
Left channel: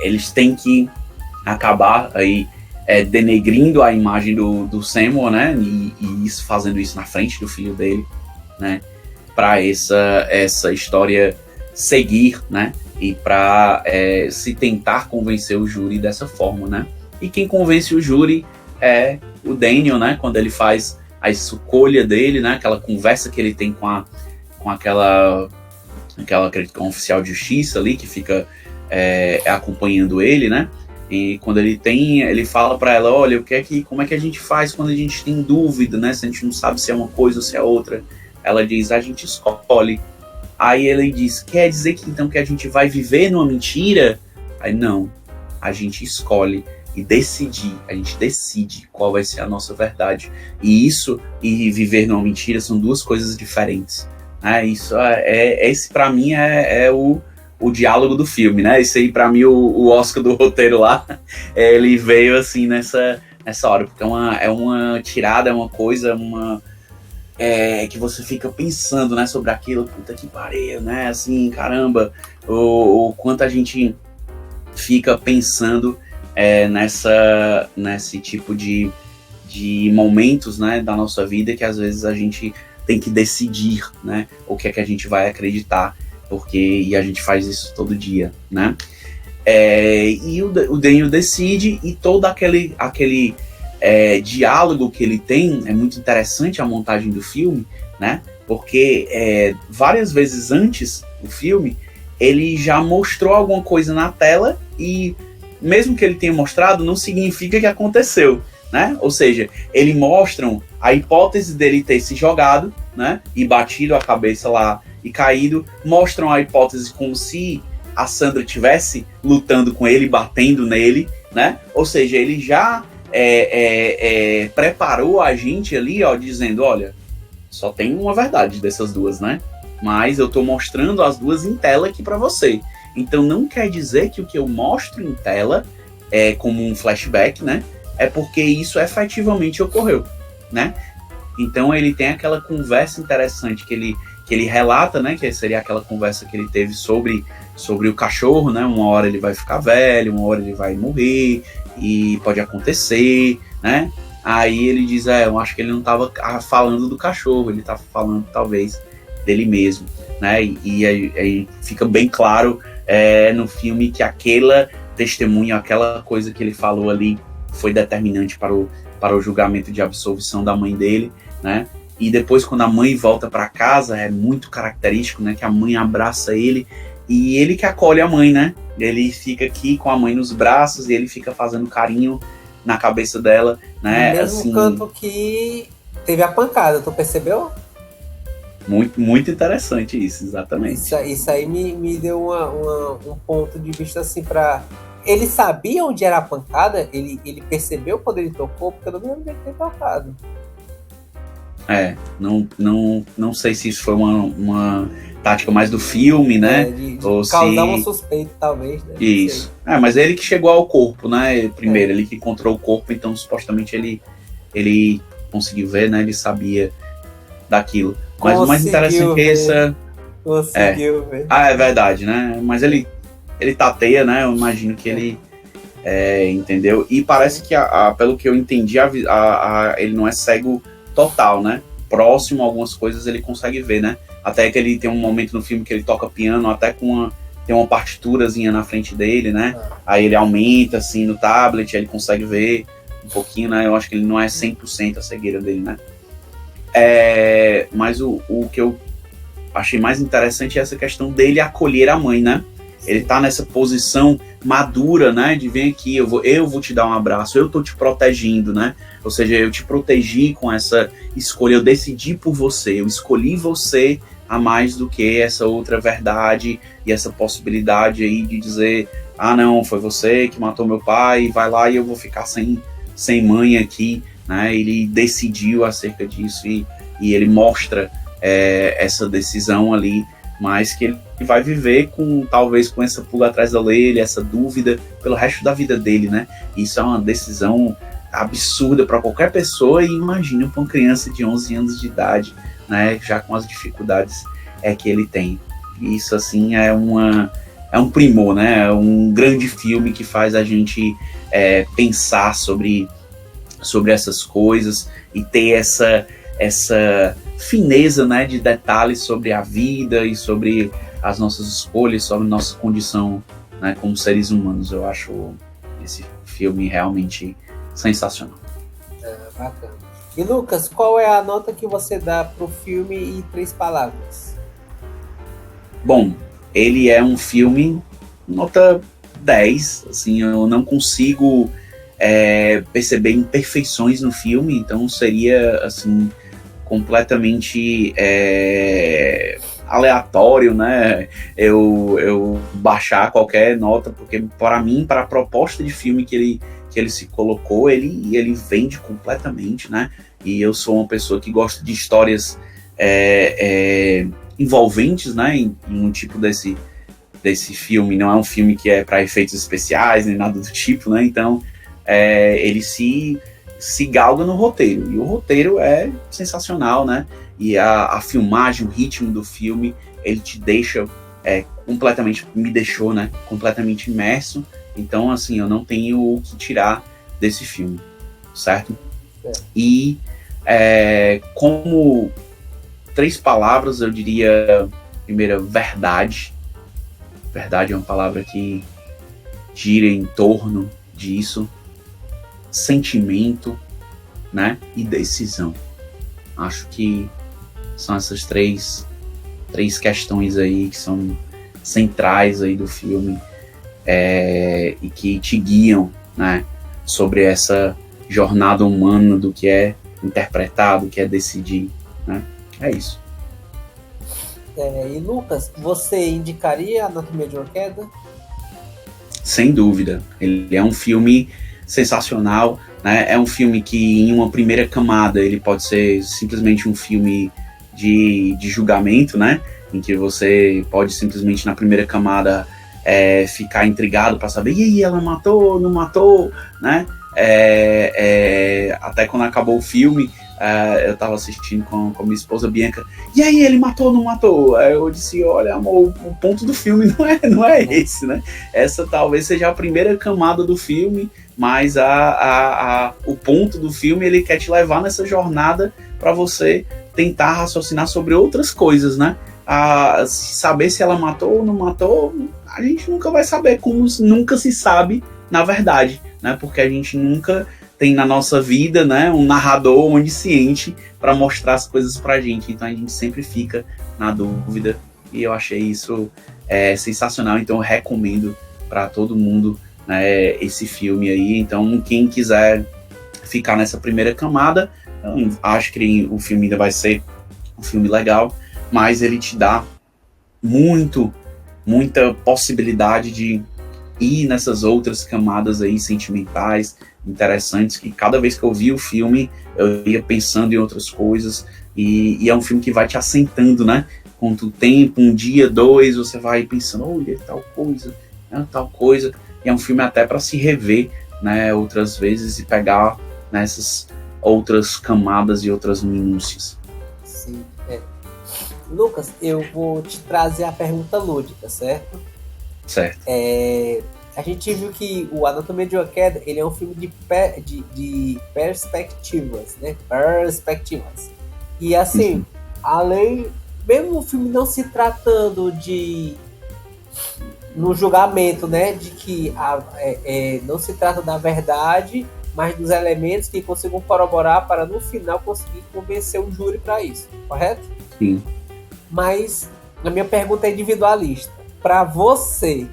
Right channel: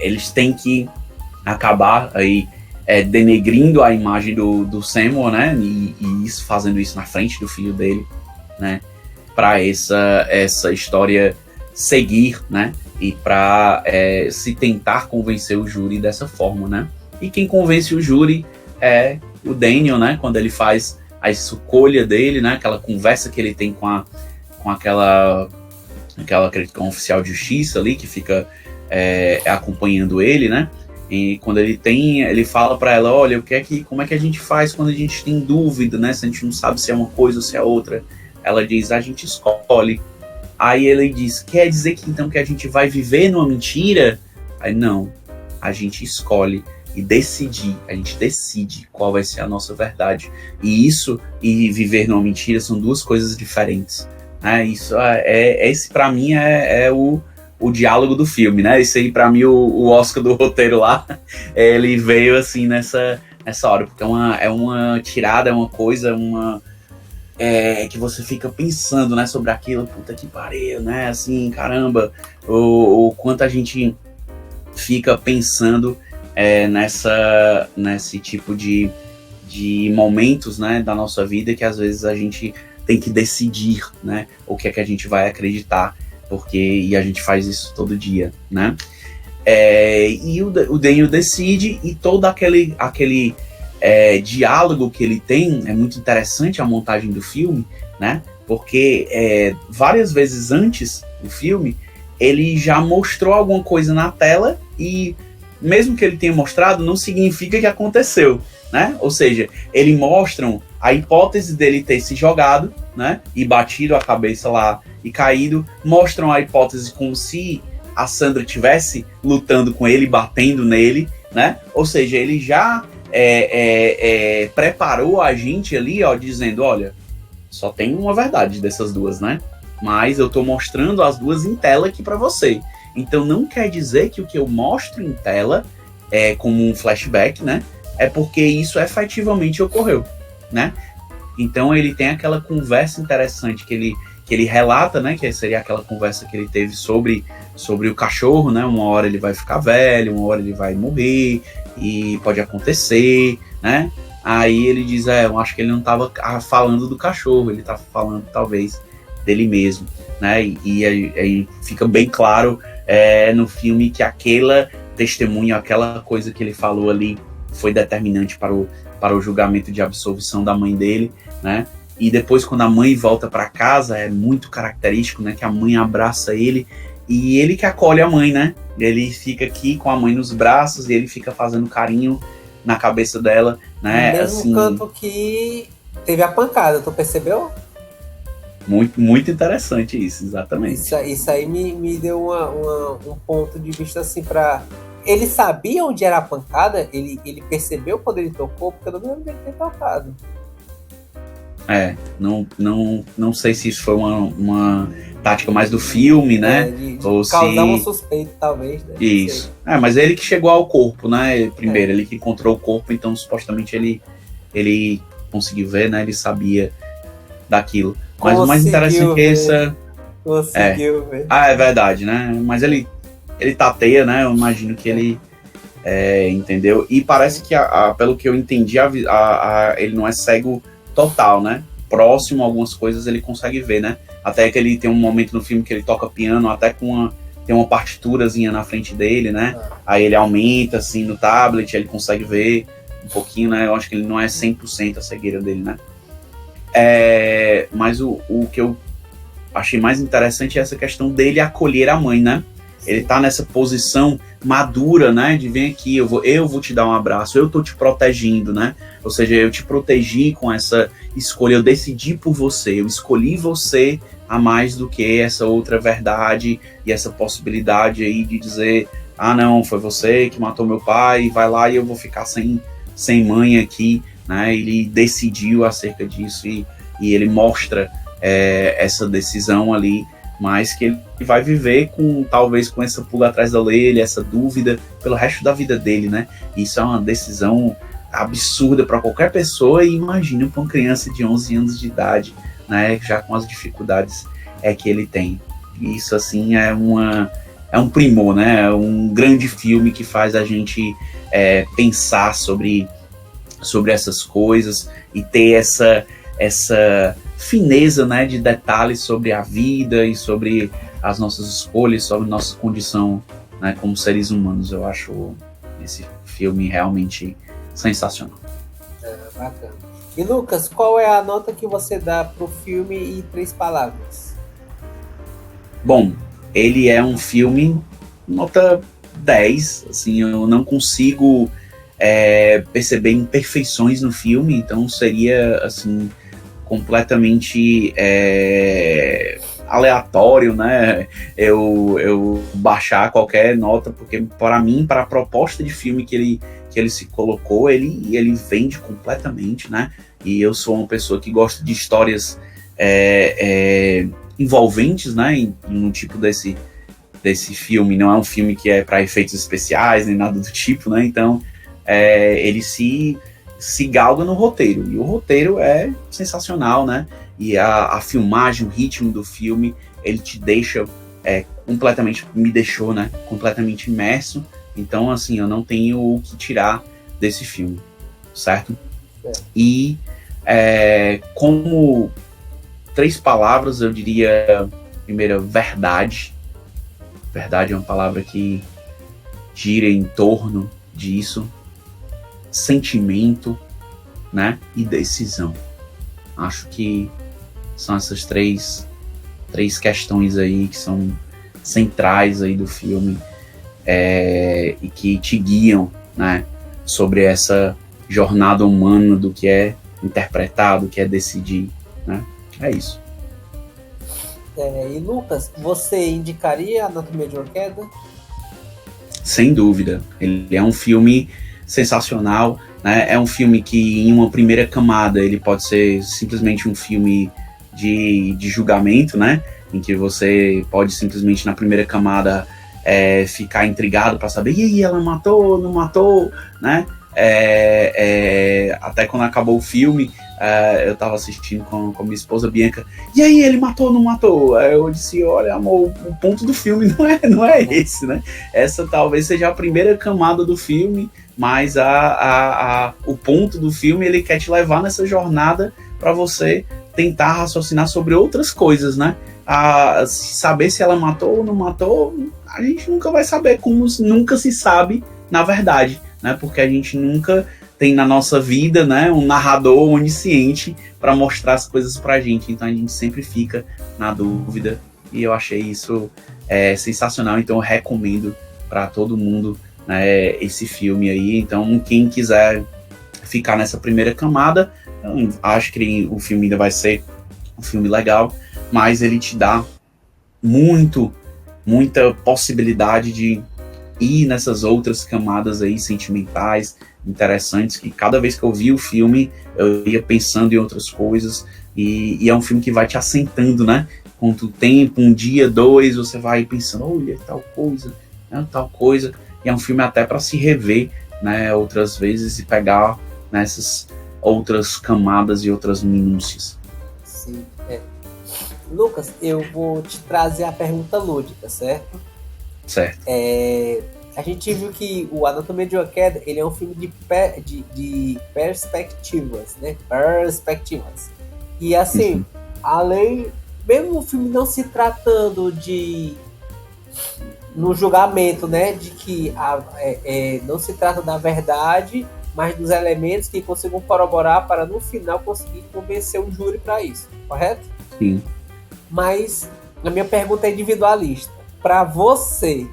eles têm que acabar aí denegrindo a imagem do Samuel, né? E isso, fazendo isso na frente do filho dele, né? Para essa história seguir, né? E para se tentar convencer o júri dessa forma, né? E quem convence o júri é o Daniel, né? Quando ele faz a escolha dele, né? Aquela conversa que ele tem com aquela acredito que é um oficial de justiça ali que fica acompanhando ele, né? E quando ele fala para ela, olha, como é que a gente faz quando a gente tem dúvida, né? Se a gente não sabe se é uma coisa ou se é outra. Ela diz, a gente escolhe. Aí ele diz, quer dizer que então que a gente vai viver numa mentira? Aí não, a gente escolhe e a gente decide qual vai ser a nossa verdade. E isso e viver numa mentira são duas coisas diferentes. Isso esse para mim é o diálogo do filme, né? Esse aí, pra mim, o Oscar do roteiro lá, ele veio assim nessa hora, porque é uma tirada, é uma coisa, que você fica pensando, né, sobre aquilo, puta que pariu, né? Assim, caramba, o quanto a gente fica pensando nesse tipo de momentos, né, da nossa vida, que às vezes a gente tem que decidir, né, o que é que a gente vai acreditar. E a gente faz isso todo dia, né? E o Daniel decide, e todo aquele diálogo que ele tem, é muito interessante a montagem do filme, né? Porque várias vezes antes do filme, ele já mostrou alguma coisa na tela, e mesmo que ele tenha mostrado, não significa que aconteceu, né? Ou seja, eles mostram a hipótese dele ter se jogado, né? E batido a cabeça lá e caído, mostram a hipótese como se a Sandra estivesse lutando com ele, batendo nele, né? Ou seja, ele já preparou a gente ali, ó, dizendo, olha, só tem uma verdade dessas duas, né? Mas eu tô mostrando as duas em tela aqui para você. Então não quer dizer que o que eu mostro em tela é como um flashback, né? É porque isso efetivamente ocorreu, né? Então ele tem aquela conversa interessante que ele relata, né? Que seria aquela conversa que ele teve sobre o cachorro, né? Uma hora ele vai ficar velho, uma hora ele vai morrer, e pode acontecer, né? Aí ele diz, eu acho que ele não estava falando do cachorro, ele estava falando talvez dele mesmo, né? E aí fica bem claro no filme que aquela testemunha, aquela coisa que ele falou ali foi determinante para o julgamento de absolvição da mãe dele, né? E depois, quando a mãe volta para casa, é muito característico, né? Que a mãe abraça ele, e ele que acolhe a mãe, né? Ele fica aqui com a mãe nos braços, e ele fica fazendo carinho na cabeça dela, né? No mesmo canto que teve a pancada, tu percebeu? Muito, muito interessante isso, exatamente. Isso aí me deu um ponto de vista assim pra... Ele sabia onde era a pancada? Ele percebeu quando ele tocou? Porque eu não lembro dele ter tocado. Não sei se isso foi uma tática mais do filme, né? De ou causar se... um suspeito, talvez, né? Isso. Mas é ele que chegou ao corpo, né? Primeiro, ele que encontrou o corpo, então supostamente ele conseguiu ver, né? Ele sabia daquilo. Mas o mais interessante é essa... Conseguiu ver. É verdade, né? Mas ele tateia, né? Eu imagino que ele... entendeu? E parece que, pelo que eu entendi, ele não é cego total, né? Próximo a algumas coisas ele consegue ver, né? Até que ele tem um momento no filme que ele toca piano, até tem uma partiturazinha na frente dele, né? Aí ele aumenta, assim, no tablet, aí ele consegue ver um pouquinho, né? Eu acho que ele não é 100% a cegueira dele, né? Mas o que eu achei mais interessante é essa questão dele acolher a mãe, né? Ele tá nessa posição madura, né? De vem aqui, eu vou te dar um abraço, eu tô te protegendo, né? Ou seja, eu te protegi com essa escolha, eu decidi por você, eu escolhi você a mais do que essa outra verdade e essa possibilidade aí de dizer, não, foi você que matou meu pai, vai lá e eu vou ficar sem mãe aqui, né? Ele decidiu acerca disso e ele mostra essa decisão ali, mas que ele vai viver talvez com essa pulga atrás da orelha, essa dúvida pelo resto da vida dele, né? Isso é uma decisão absurda para qualquer pessoa, e imagina para uma criança de 11 anos de idade, né? Já com as dificuldades que ele tem. Isso, assim, é um primor, né? É um grande filme que faz a gente pensar sobre essas coisas e ter essa fineza, né, de detalhes sobre a vida e sobre as nossas escolhas, sobre nossa condição, né, como seres humanos. Eu acho esse filme realmente sensacional. Bacana. E Lucas, qual é a nota que você dá pro filme em 3 palavras? Bom, ele é um filme nota 10, assim, eu não consigo perceber imperfeições no filme, então seria, assim, completamente aleatório, né? Eu baixar qualquer nota, porque para mim, para a proposta de filme que ele se colocou, ele vende completamente, né? E eu sou uma pessoa que gosta de histórias envolventes, né? Em um tipo desse filme. Não é um filme que é para efeitos especiais nem nada do tipo, né? Então ele se galga no roteiro, e o roteiro é sensacional, né? E a filmagem, o ritmo do filme, ele te deixa me deixou, né, completamente imerso. Então, assim, eu não tenho o que tirar desse filme, certo? E como 3 palavras, eu diria, primeira, verdade. Verdade é uma palavra que gira em torno disso. Sentimento, né, e decisão. Acho que são essas três questões aí que são centrais aí do filme, e que te guiam, né, sobre essa jornada humana do que é interpretar, do que é decidir, né? É isso. E Lucas, você indicaria Anatomia de uma Queda? Sem dúvida. Ele é um filme sensacional, né? É um filme que, em uma primeira camada, ele pode ser simplesmente um filme de julgamento, né? Em que você pode simplesmente, na primeira camada, ficar intrigado para saber, e aí, ela matou, não matou, né? Até quando acabou o filme, eu tava assistindo com minha esposa Bianca, e aí, ele matou ou não matou? Aí eu disse, olha, amor, o ponto do filme não é esse, né? Essa talvez seja a primeira camada do filme, mas o ponto do filme, ele quer te levar nessa jornada para você tentar raciocinar sobre outras coisas, né? Saber se ela matou ou não matou, a gente nunca vai saber, como nunca se sabe, na verdade, né? Porque a gente nunca tem na nossa vida, né, um narrador onisciente para mostrar as coisas pra gente, então a gente sempre fica na dúvida, e eu achei isso sensacional, então eu recomendo para todo mundo, né, esse filme aí. Então quem quiser ficar nessa primeira camada, eu acho que o filme ainda vai ser um filme legal, mas ele te dá muita possibilidade de ir nessas outras camadas aí sentimentais, interessantes, que cada vez que eu vi o filme, eu ia pensando em outras coisas, e é um filme que vai te assentando, né? Com o tempo, um dia, dois, você vai pensando, olha, tal coisa, e é um filme até para se rever, né, outras vezes e pegar nessas outras camadas e outras minúcias. Sim, Lucas, eu vou te trazer a pergunta lúdica, certo? Certo. A gente viu que o Anatomia de uma Queda, ele é um filme de perspectivas, né? Perspectivas. E assim, além, mesmo o filme não se tratando no julgamento, né, de que não se trata da verdade, mas dos elementos que consigam corroborar para no final conseguir convencer um júri para isso, correto? Sim. Mas a minha pergunta é individualista. Para você,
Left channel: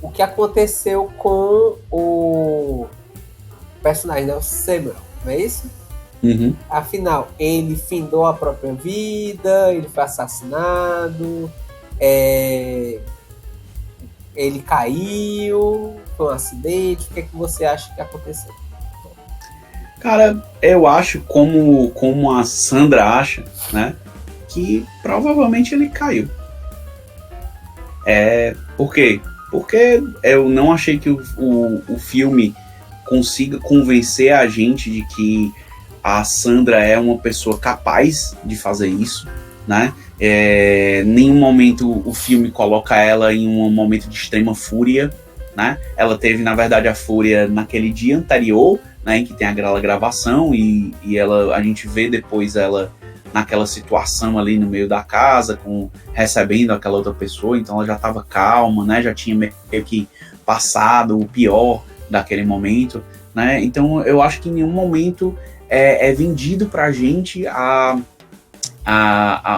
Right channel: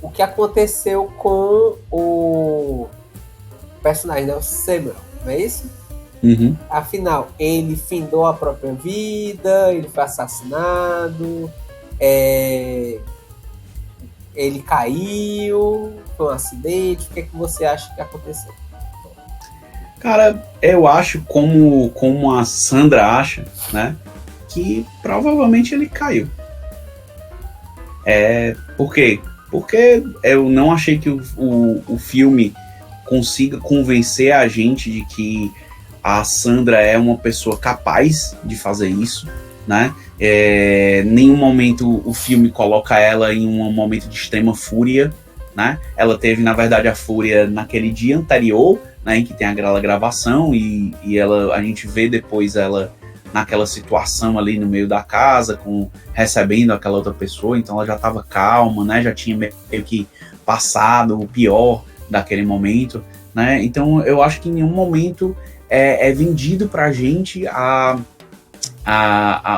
o que aconteceu com o personagem, né, o Samuel, não é isso? Uhum. Afinal, ele findou a própria vida, ele foi assassinado, ele caiu, foi um acidente. O que é que você acha que aconteceu? Cara, eu acho, como a Sandra acha, né, que provavelmente ele caiu. Por quê? Porque eu não achei que o filme consiga convencer a gente de que a Sandra é uma pessoa capaz de fazer isso, né? Nenhum momento o filme coloca ela em um momento de extrema fúria, né? Ela teve, na verdade, a fúria naquele dia anterior, né, em que tem aquela gravação e a gente vê depois ela naquela situação ali no meio da casa, recebendo aquela outra pessoa, então ela já estava calma, né? Já tinha meio que passado o pior daquele momento, né? Então eu acho que em nenhum momento é vendido pra gente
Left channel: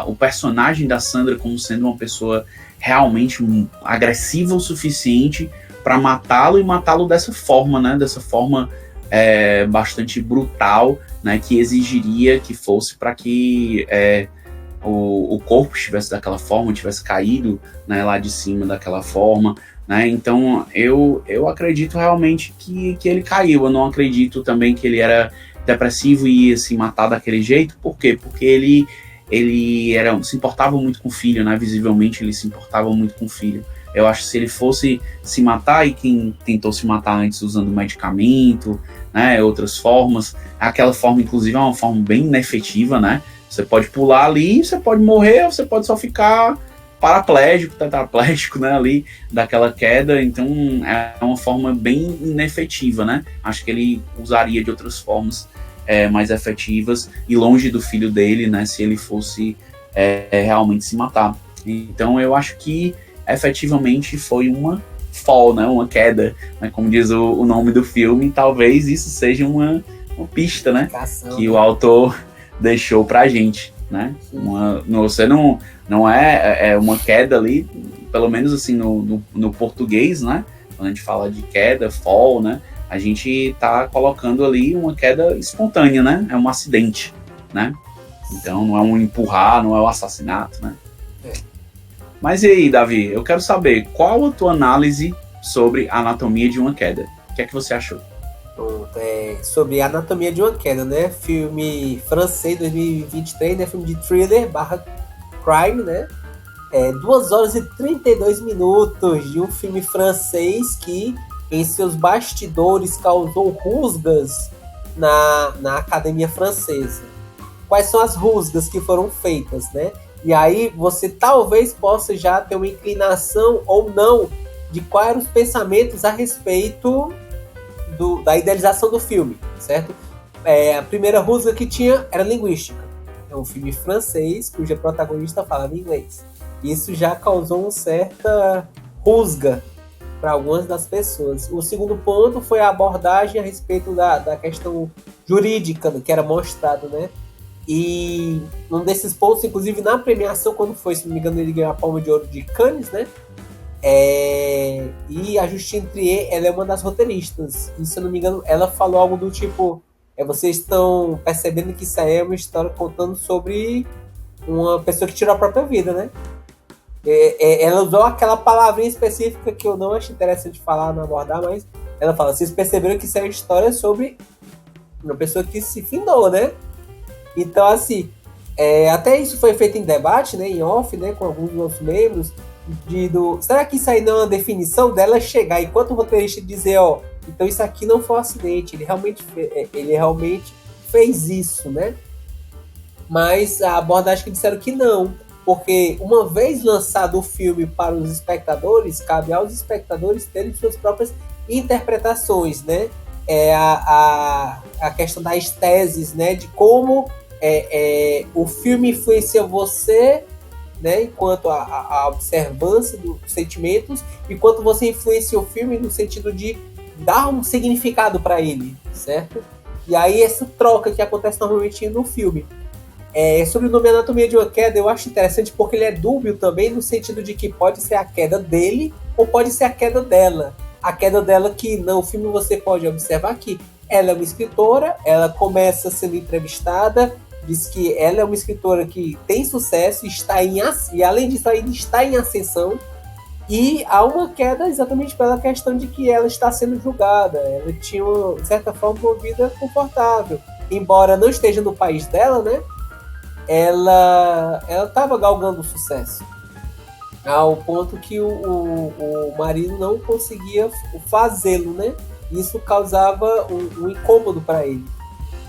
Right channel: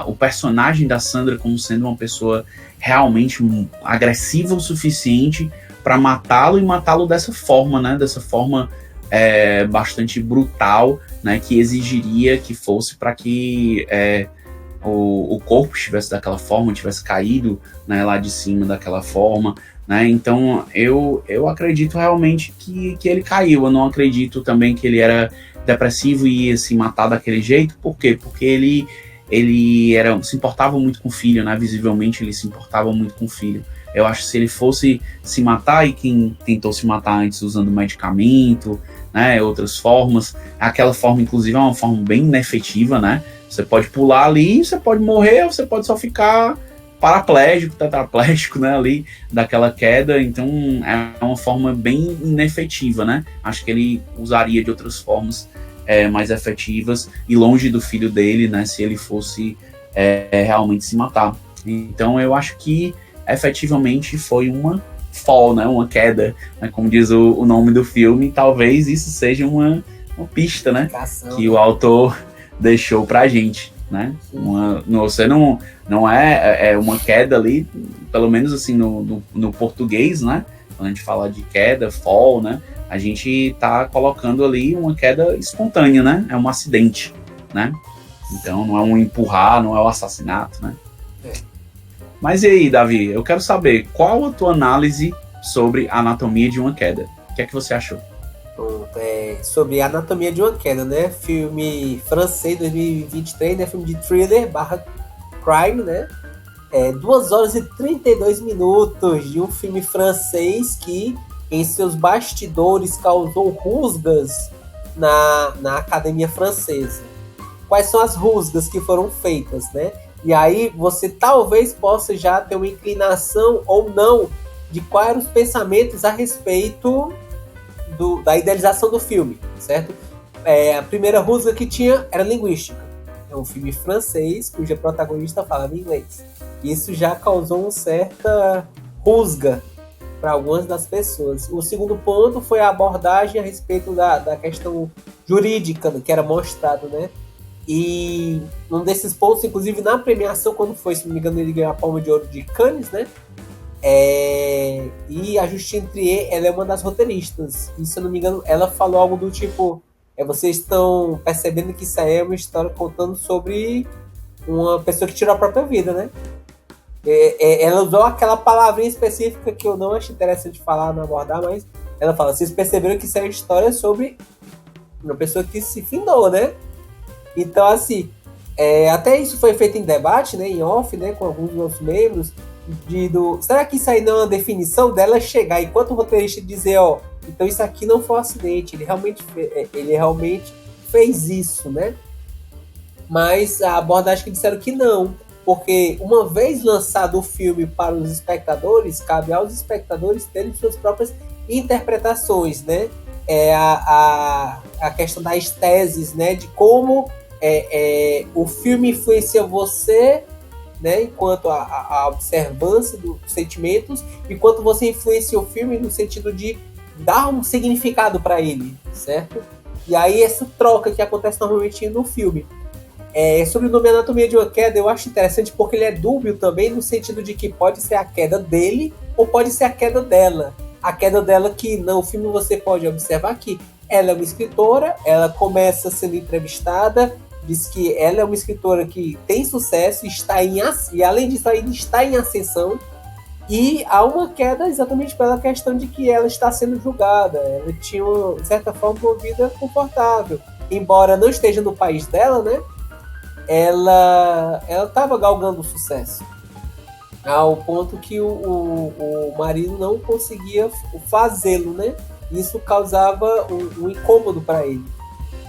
o personagem da Sandra como sendo uma pessoa realmente agressiva o suficiente para matá-lo e matá-lo dessa forma, né? Dessa forma bastante brutal, né? Que exigiria que fosse para que o corpo estivesse daquela forma, tivesse caído, né, lá de cima daquela forma, né? Então eu acredito realmente que ele caiu. Eu não acredito também que ele era depressivo e ia se matar daquele jeito. Por quê? Porque ele se importava muito com o filho, né? Visivelmente ele se importava muito com o filho. Eu acho que se ele fosse se matar, e quem tentou se matar antes usando medicamento, né, outras formas, aquela forma inclusive é uma forma bem inefetiva, né? Você pode pular ali, você pode morrer, ou você pode só ficar paraplégico, tetraplégico, né, ali daquela queda. Então é uma forma bem inefetiva, né? Acho que ele usaria de outras formas mais efetivas e longe do filho dele, né, se ele fosse realmente se matar. Então eu acho que efetivamente foi uma fall, né, uma queda, né, como diz o nome do filme. Talvez isso seja uma pista, né, que o autor deixou pra gente, né? Você não é uma queda ali, pelo menos assim no português, né? Quando a gente fala de queda, fall, né? A gente tá colocando ali uma queda espontânea, né? É um acidente, né? Então não é um empurrar, não é um assassinato, né? Mas e aí, Davi? Eu quero saber qual a tua análise sobre a Anatomia de uma Queda. O que é que você achou? Sobre a Anatomia de uma Queda, né? Filme francês 2023, né? Filme de thriller / crime, né? 2 horas e 32 minutos de um filme francês que em seus bastidores causou rusgas na academia francesa. Quais são as rusgas que foram feitas, né? E aí você talvez possa já ter uma inclinação ou não de quais eram os pensamentos a respeito da idealização do filme, certo? A primeira rusga que tinha era linguística. É um filme francês cuja protagonista falava inglês. Isso já causou uma certa rusga para algumas das pessoas. O segundo ponto foi a abordagem a respeito da questão jurídica que era mostrado, né? E um desses pontos, inclusive na premiação, quando foi, se não me engano, ele ganhou a Palma de Ouro de Cannes, né? E a Justine Triet, ela é uma das roteiristas. E se eu não me engano, ela falou algo do tipo: vocês estão percebendo que isso aí é uma história contando sobre uma pessoa que tirou a própria vida, né? Ela usou aquela palavrinha específica que eu não acho interessante falar, não abordar, mas ela fala, vocês perceberam que isso é uma história sobre uma pessoa que se findou, né? Então, assim, até isso foi feito em debate, né, em off, né, com alguns dos nossos membros, será que isso aí não é uma definição dela chegar, enquanto o roteirista dizer, ó, então isso aqui não foi um acidente, ele realmente fez isso, né? Mas a abordagem que disseram que não, porque uma vez lançado o filme para os espectadores, cabe aos espectadores terem suas próprias interpretações, né? A questão das teses, né? De como o filme influencia você, né? Enquanto a observância dos sentimentos, enquanto você influencia o filme no sentido de dar um significado para ele, certo? E aí essa troca que acontece normalmente no filme. Sobre o nome Anatomia de uma Queda, eu acho interessante porque ele é dúbio também no sentido de que pode ser a queda dele ou pode ser a queda dela. A queda dela que no filme você pode observar que ela é uma escritora, ela começa sendo entrevistada, diz que ela é uma escritora que tem sucesso, e além disso ainda está em ascensão, e há uma queda exatamente pela questão de que ela está sendo julgada. Ela tinha, de certa forma, uma vida confortável. Embora não esteja no país dela, né? Ela estava galgando sucesso. Ao ponto que o marido não conseguia fazê-lo, né? Isso causava um incômodo para ele.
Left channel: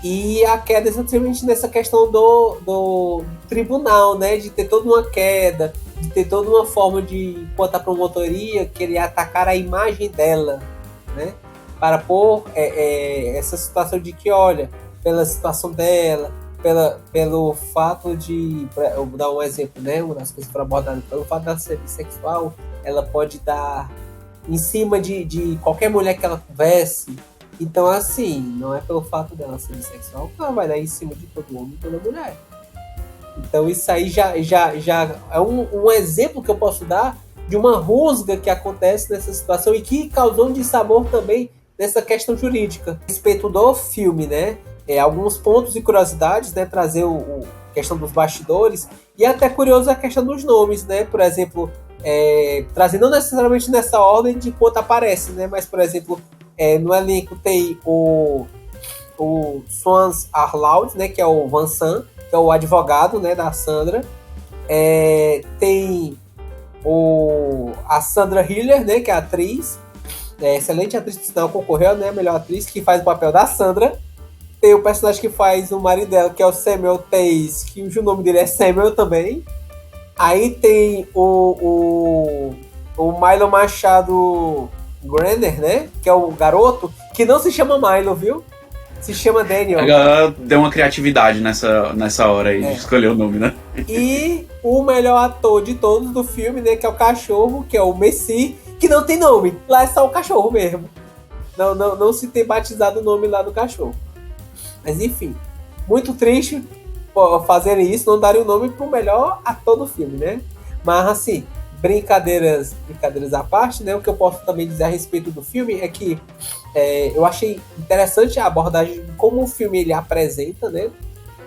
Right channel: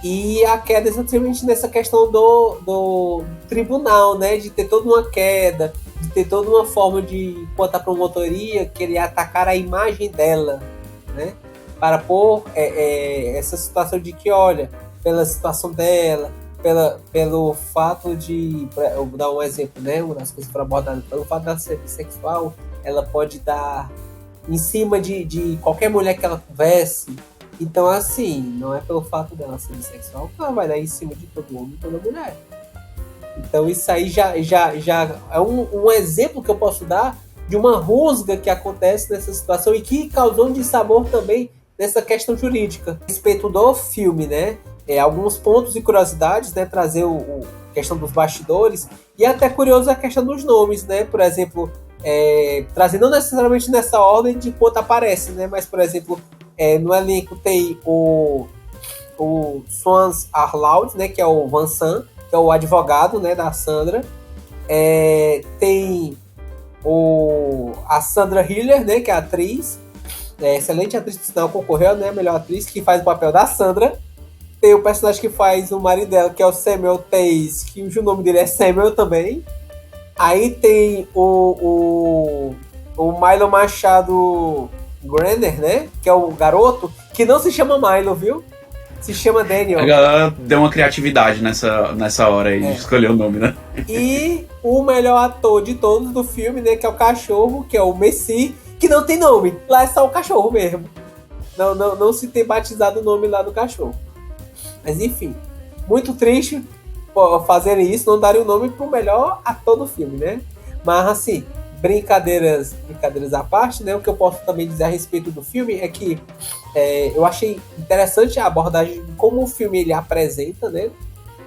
E a queda exatamente nessa questão do tribunal, né? De ter toda uma queda, de ter toda uma forma de, enquanto a promotoria querer atacar a imagem dela, né? Para pôr essa situação de que, olha, pela situação dela, pelo fato de, eu vou dar um exemplo, né? Uma das coisas para abordar, pelo fato de ser bissexual, ela pode dar em cima de qualquer mulher que ela converse. Então, assim, não é pelo fato dela ser bissexual que ela vai dar em cima de todo homem e toda mulher. Então, isso aí já é um exemplo que eu posso dar de uma rusga que acontece nessa situação e que causou um dissabor também nessa questão jurídica. A respeito do filme, né? Alguns pontos e curiosidades, né? Trazer a questão dos bastidores e até curioso a questão dos nomes, né? Por exemplo, trazer não necessariamente nessa ordem de quanto aparece, né? Mas, por exemplo, no elenco tem o Swans Arlaud, né? Que é o Vincent, que é o advogado, né? Da Sandra. Tem a Sandra Hiller, né? Que é a atriz. Excelente atriz, por sinal, concorreu, né? A melhor atriz, que faz o papel da Sandra. Tem o personagem que faz o marido dela, que é o Samuel Tays, que o nome dele é Samuel também. Aí tem o Milo Machado Graner, né? Que é o garoto, que não se chama Milo, viu? Se chama Daniel. Ela deu uma criatividade nessa hora aí de escolher o nome, né? E o melhor ator de todos do filme, né? Que é o cachorro, que é o Messi, que não tem nome. Lá é só o cachorro mesmo. Não se tem batizado o nome lá do cachorro. Mas enfim, muito triste fazerem isso, não darem o nome pro melhor ator do filme, né? Mas assim, brincadeiras à parte, né? O que eu posso também dizer a respeito do filme é que eu achei interessante a abordagem de como o filme ele apresenta, né?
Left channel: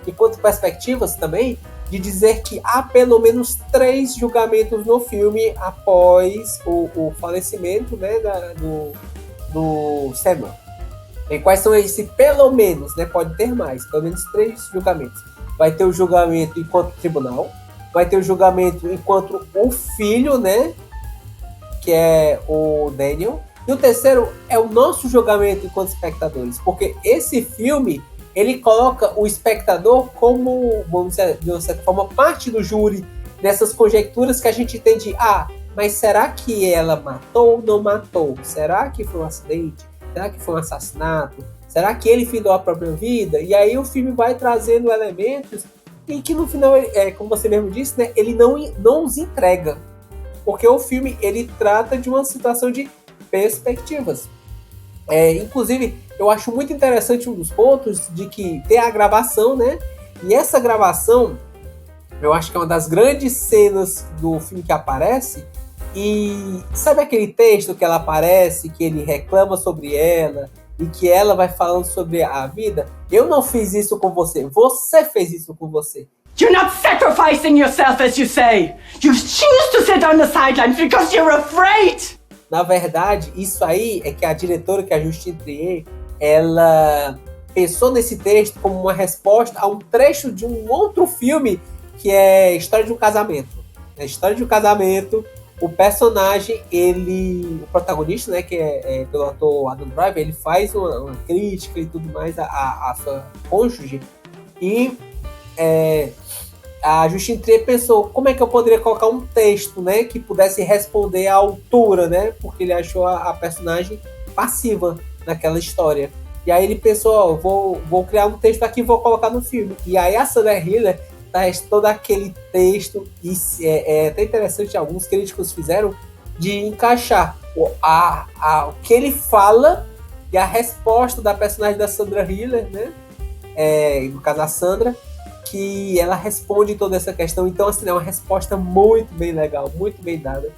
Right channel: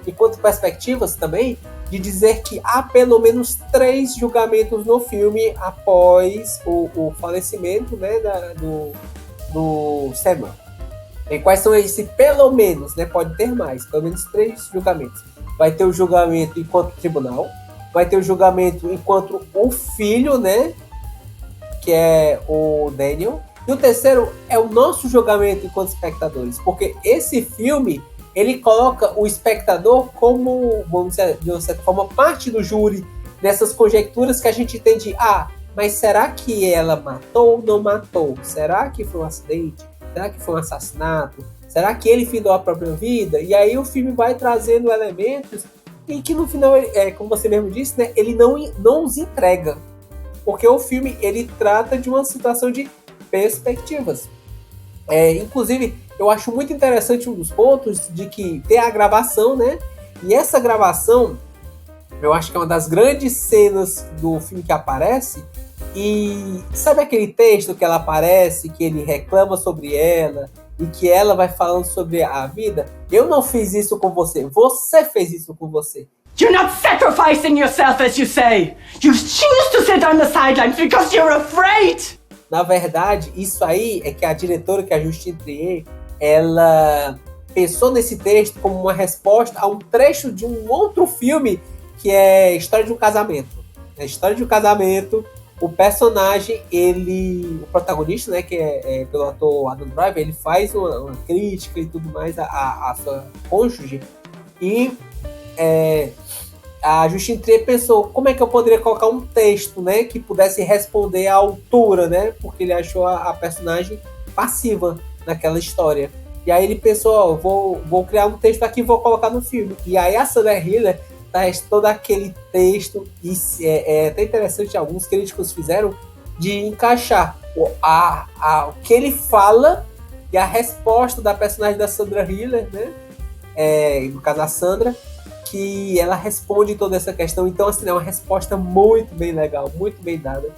Enquanto perspectivas também, de dizer que há pelo menos 3 julgamentos no filme após o falecimento, né, do Samuel. E quais são esses pelo menos, né? Pode ter mais, pelo menos 3 julgamentos. Vai ter o julgamento enquanto tribunal, vai ter o julgamento enquanto o filho, né? Que é o Daniel. E o terceiro é o nosso julgamento enquanto espectadores. Porque esse filme, ele coloca o espectador como, vamos dizer, de uma certa forma, parte do júri dessas conjecturas que a gente tem de, mas será que ela matou ou não matou? Será que foi um acidente? Será que foi um assassinato? Será que ele findou a própria vida? E aí o filme vai trazendo elementos e que no final, como você mesmo disse, né, ele não os entrega. Porque o filme ele trata de uma situação de perspectivas. Inclusive, eu acho muito interessante um dos pontos de que tem a gravação, né? E essa gravação, eu acho que é uma das grandes cenas do filme que aparece. E sabe aquele texto que ela aparece, que ele reclama sobre ela e que ela vai falando sobre a vida? Eu não fiz isso com você, você fez isso com você. You're not sacrificing yourself, as you say. You choose to sit on the sidelines because you're afraid. Na verdade, isso aí é que a diretora, que é a Justine Triet, ela pensou nesse texto como uma resposta a um trecho de um outro filme que é História de um Casamento. Na História de um Casamento, o personagem, o protagonista, né, que é pelo ator Adam Driver, ele faz uma crítica e tudo mais à sua cônjuge, e a Justine Triet pensou como é que eu poderia colocar um texto, né, que pudesse responder à altura, né, porque ele achou a personagem passiva naquela história. E aí ele pensou, vou criar um texto aqui e vou colocar no filme. E aí a Sandra Hüller traz todo aquele texto, e é até interessante, alguns críticos fizeram, de encaixar o que ele fala e a resposta da personagem da Sandra Hüller, né, no caso a Sandra, que ela responde toda essa questão. Então, assim, é uma resposta muito bem legal, muito bem dada.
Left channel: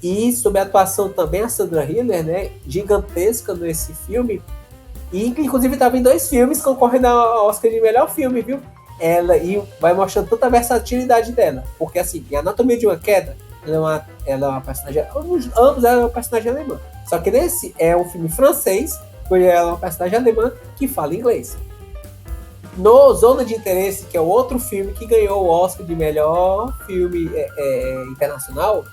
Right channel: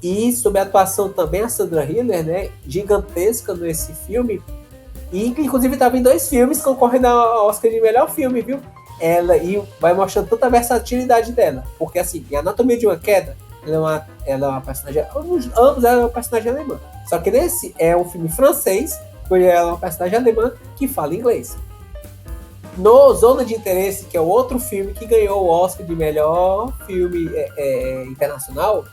E sobre a atuação também, a Sandra Hüller, né, gigantesca nesse filme, e inclusive estava em 2 filmes concorrendo ao Oscar de melhor filme, viu? E vai mostrando tanta versatilidade dela, porque assim, em Anatomia de uma Queda, ela é uma personagem, ambos ela é uma personagem alemã, só que nesse é um filme francês, onde ela é uma personagem alemã que fala inglês. No Zona de Interesse, que é o outro filme que ganhou o Oscar de melhor filme internacional,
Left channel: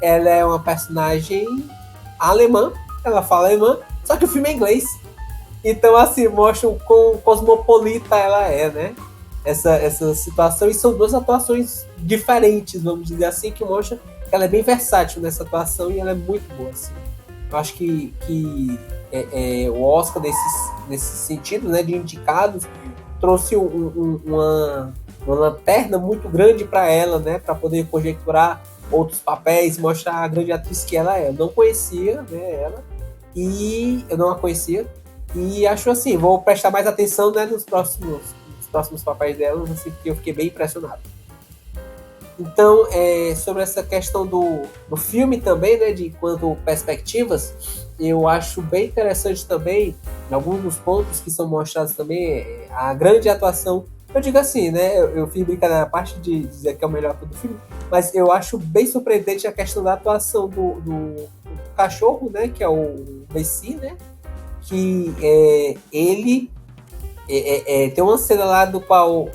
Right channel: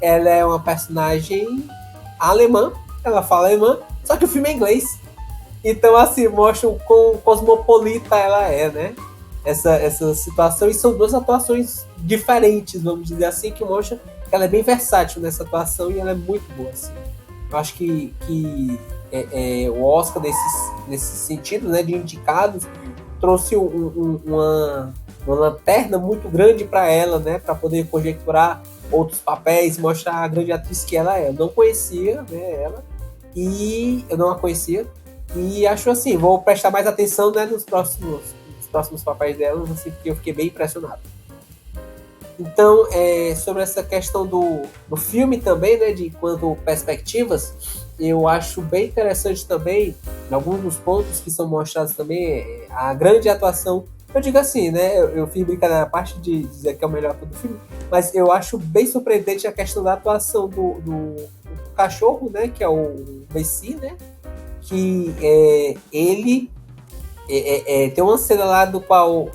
ela é uma personagem alemã, ela fala alemã, só que o filme é inglês. Então, assim, mostra o quão cosmopolita ela é, né? Essa situação, e são 2 atuações diferentes, vamos dizer assim, que mostra que ela é bem versátil nessa atuação e ela é muito boa, assim. Eu acho que o Oscar, nesse sentido, né, de indicados, trouxe uma lanterna muito grande para ela, né, para poder conjecturar outros papéis, mostrar a grande atriz que ela é. Eu não conhecia, né, ela, e eu não a conhecia, e acho assim, vou prestar mais atenção, né, nos próximos papéis dela, assim, porque eu fiquei bem impressionado. Então, sobre essa questão do filme também, né, de quanto perspectivas, eu acho bem interessante também, em alguns dos pontos que são mostrados também, a grande atuação. Eu digo assim, né, eu fiz brincadeira na parte de dizer que é o melhor do filme, mas eu acho bem surpreendente a questão da atuação do cachorro, né, que é o Messi, né, que ele tem uma cena lá do qual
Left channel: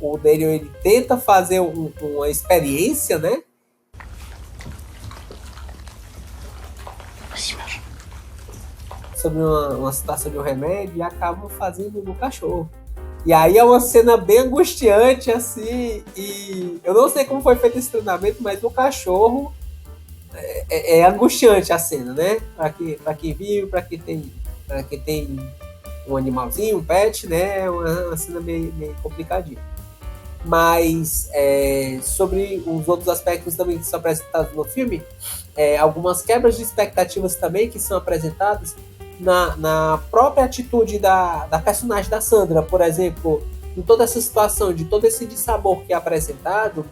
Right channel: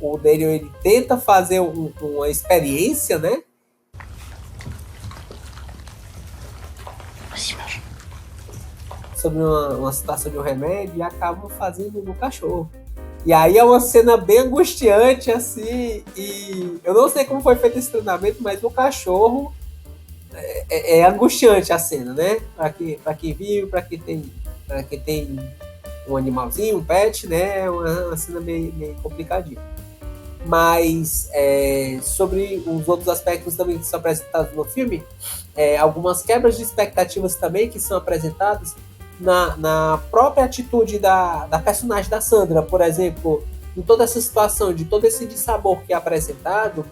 o Daniel, ele tenta fazer uma experiência, né? Sobre uma situação de um remédio, e acaba fazendo no cachorro. E aí é uma cena bem angustiante, assim, e eu não sei como foi feito esse treinamento, mas o cachorro é angustiante a cena, né? Pra quem viu, pra quem tem um animalzinho, um pet, né? É uma cena meio complicadinha. Mas sobre os outros aspectos também que são apresentados no filme, algumas quebras de expectativas também que são apresentadas na própria atitude da personagem da Sandra, por exemplo, em toda essa situação, de todo esse dissabor que é apresentado,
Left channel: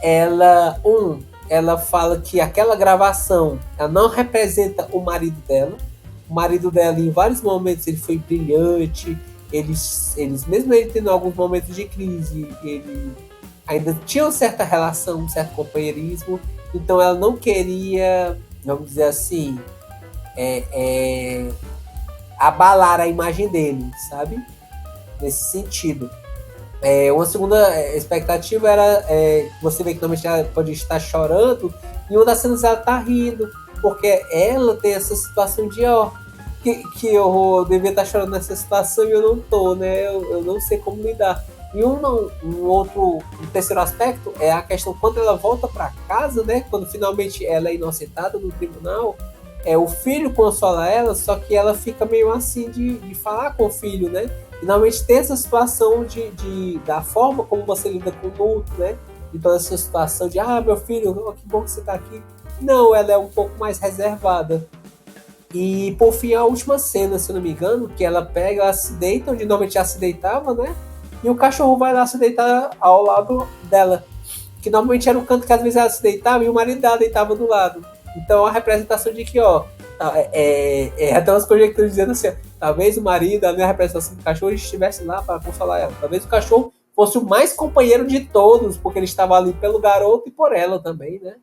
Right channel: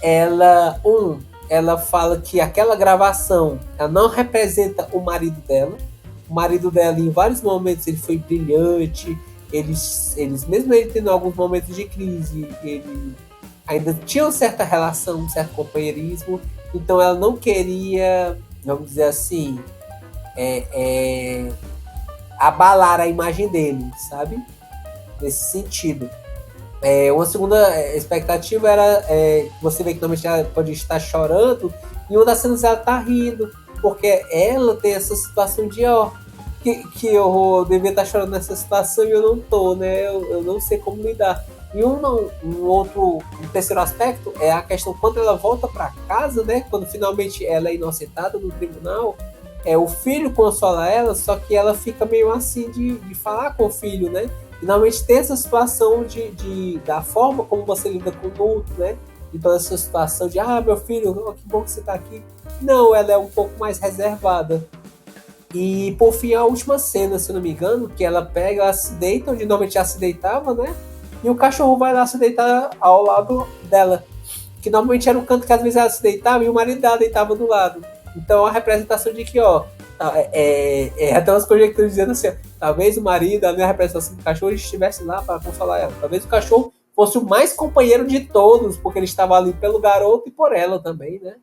ela fala que aquela gravação, ela não representa o marido dela. O marido dela, em vários momentos, ele foi brilhante, eles mesmo ele tendo alguns momentos de crise, ele ainda tinha uma certa relação, um certo companheirismo, então ela não queria, vamos dizer assim, abalar a imagem dele, sabe? Nesse sentido. Uma segunda expectativa era você vê que normalmente ela pode estar chorando, e uma das cenas ela tá rindo, porque ela tem essa situação de que eu devia estar chorando nessa situação e eu não tô, né? Eu não sei como lidar. E um terceiro aspecto é a questão quando ela volta para casa, né? Quando finalmente ela é inocentada no tribunal, o filho consola ela, só que ela fica meio assim de falar com o filho, né? Finalmente tem essa situação da forma como você lida com o luto, né? De toda essa situação de, meu filho, que bom que você tá aqui. Não, ela é um pouco mais reservada. E por fim, a última cena, se eu não me engano, que ela se deita onde normalmente ela se deitava, né? E o cachorro vai lá se deitar ao lado dela. Que normalmente era um canto que às vezes ela se deitava e o marido dela deitava do lado. Então a representação de que, até umas conjecturas dizendo assim, talvez o marido, a minha representação do cachorro, estivesse lá para consolar ela. Talvez o cachorro fosse o mais companheiro de todos, porque ele estava ali pelo garoto e por ela também, né?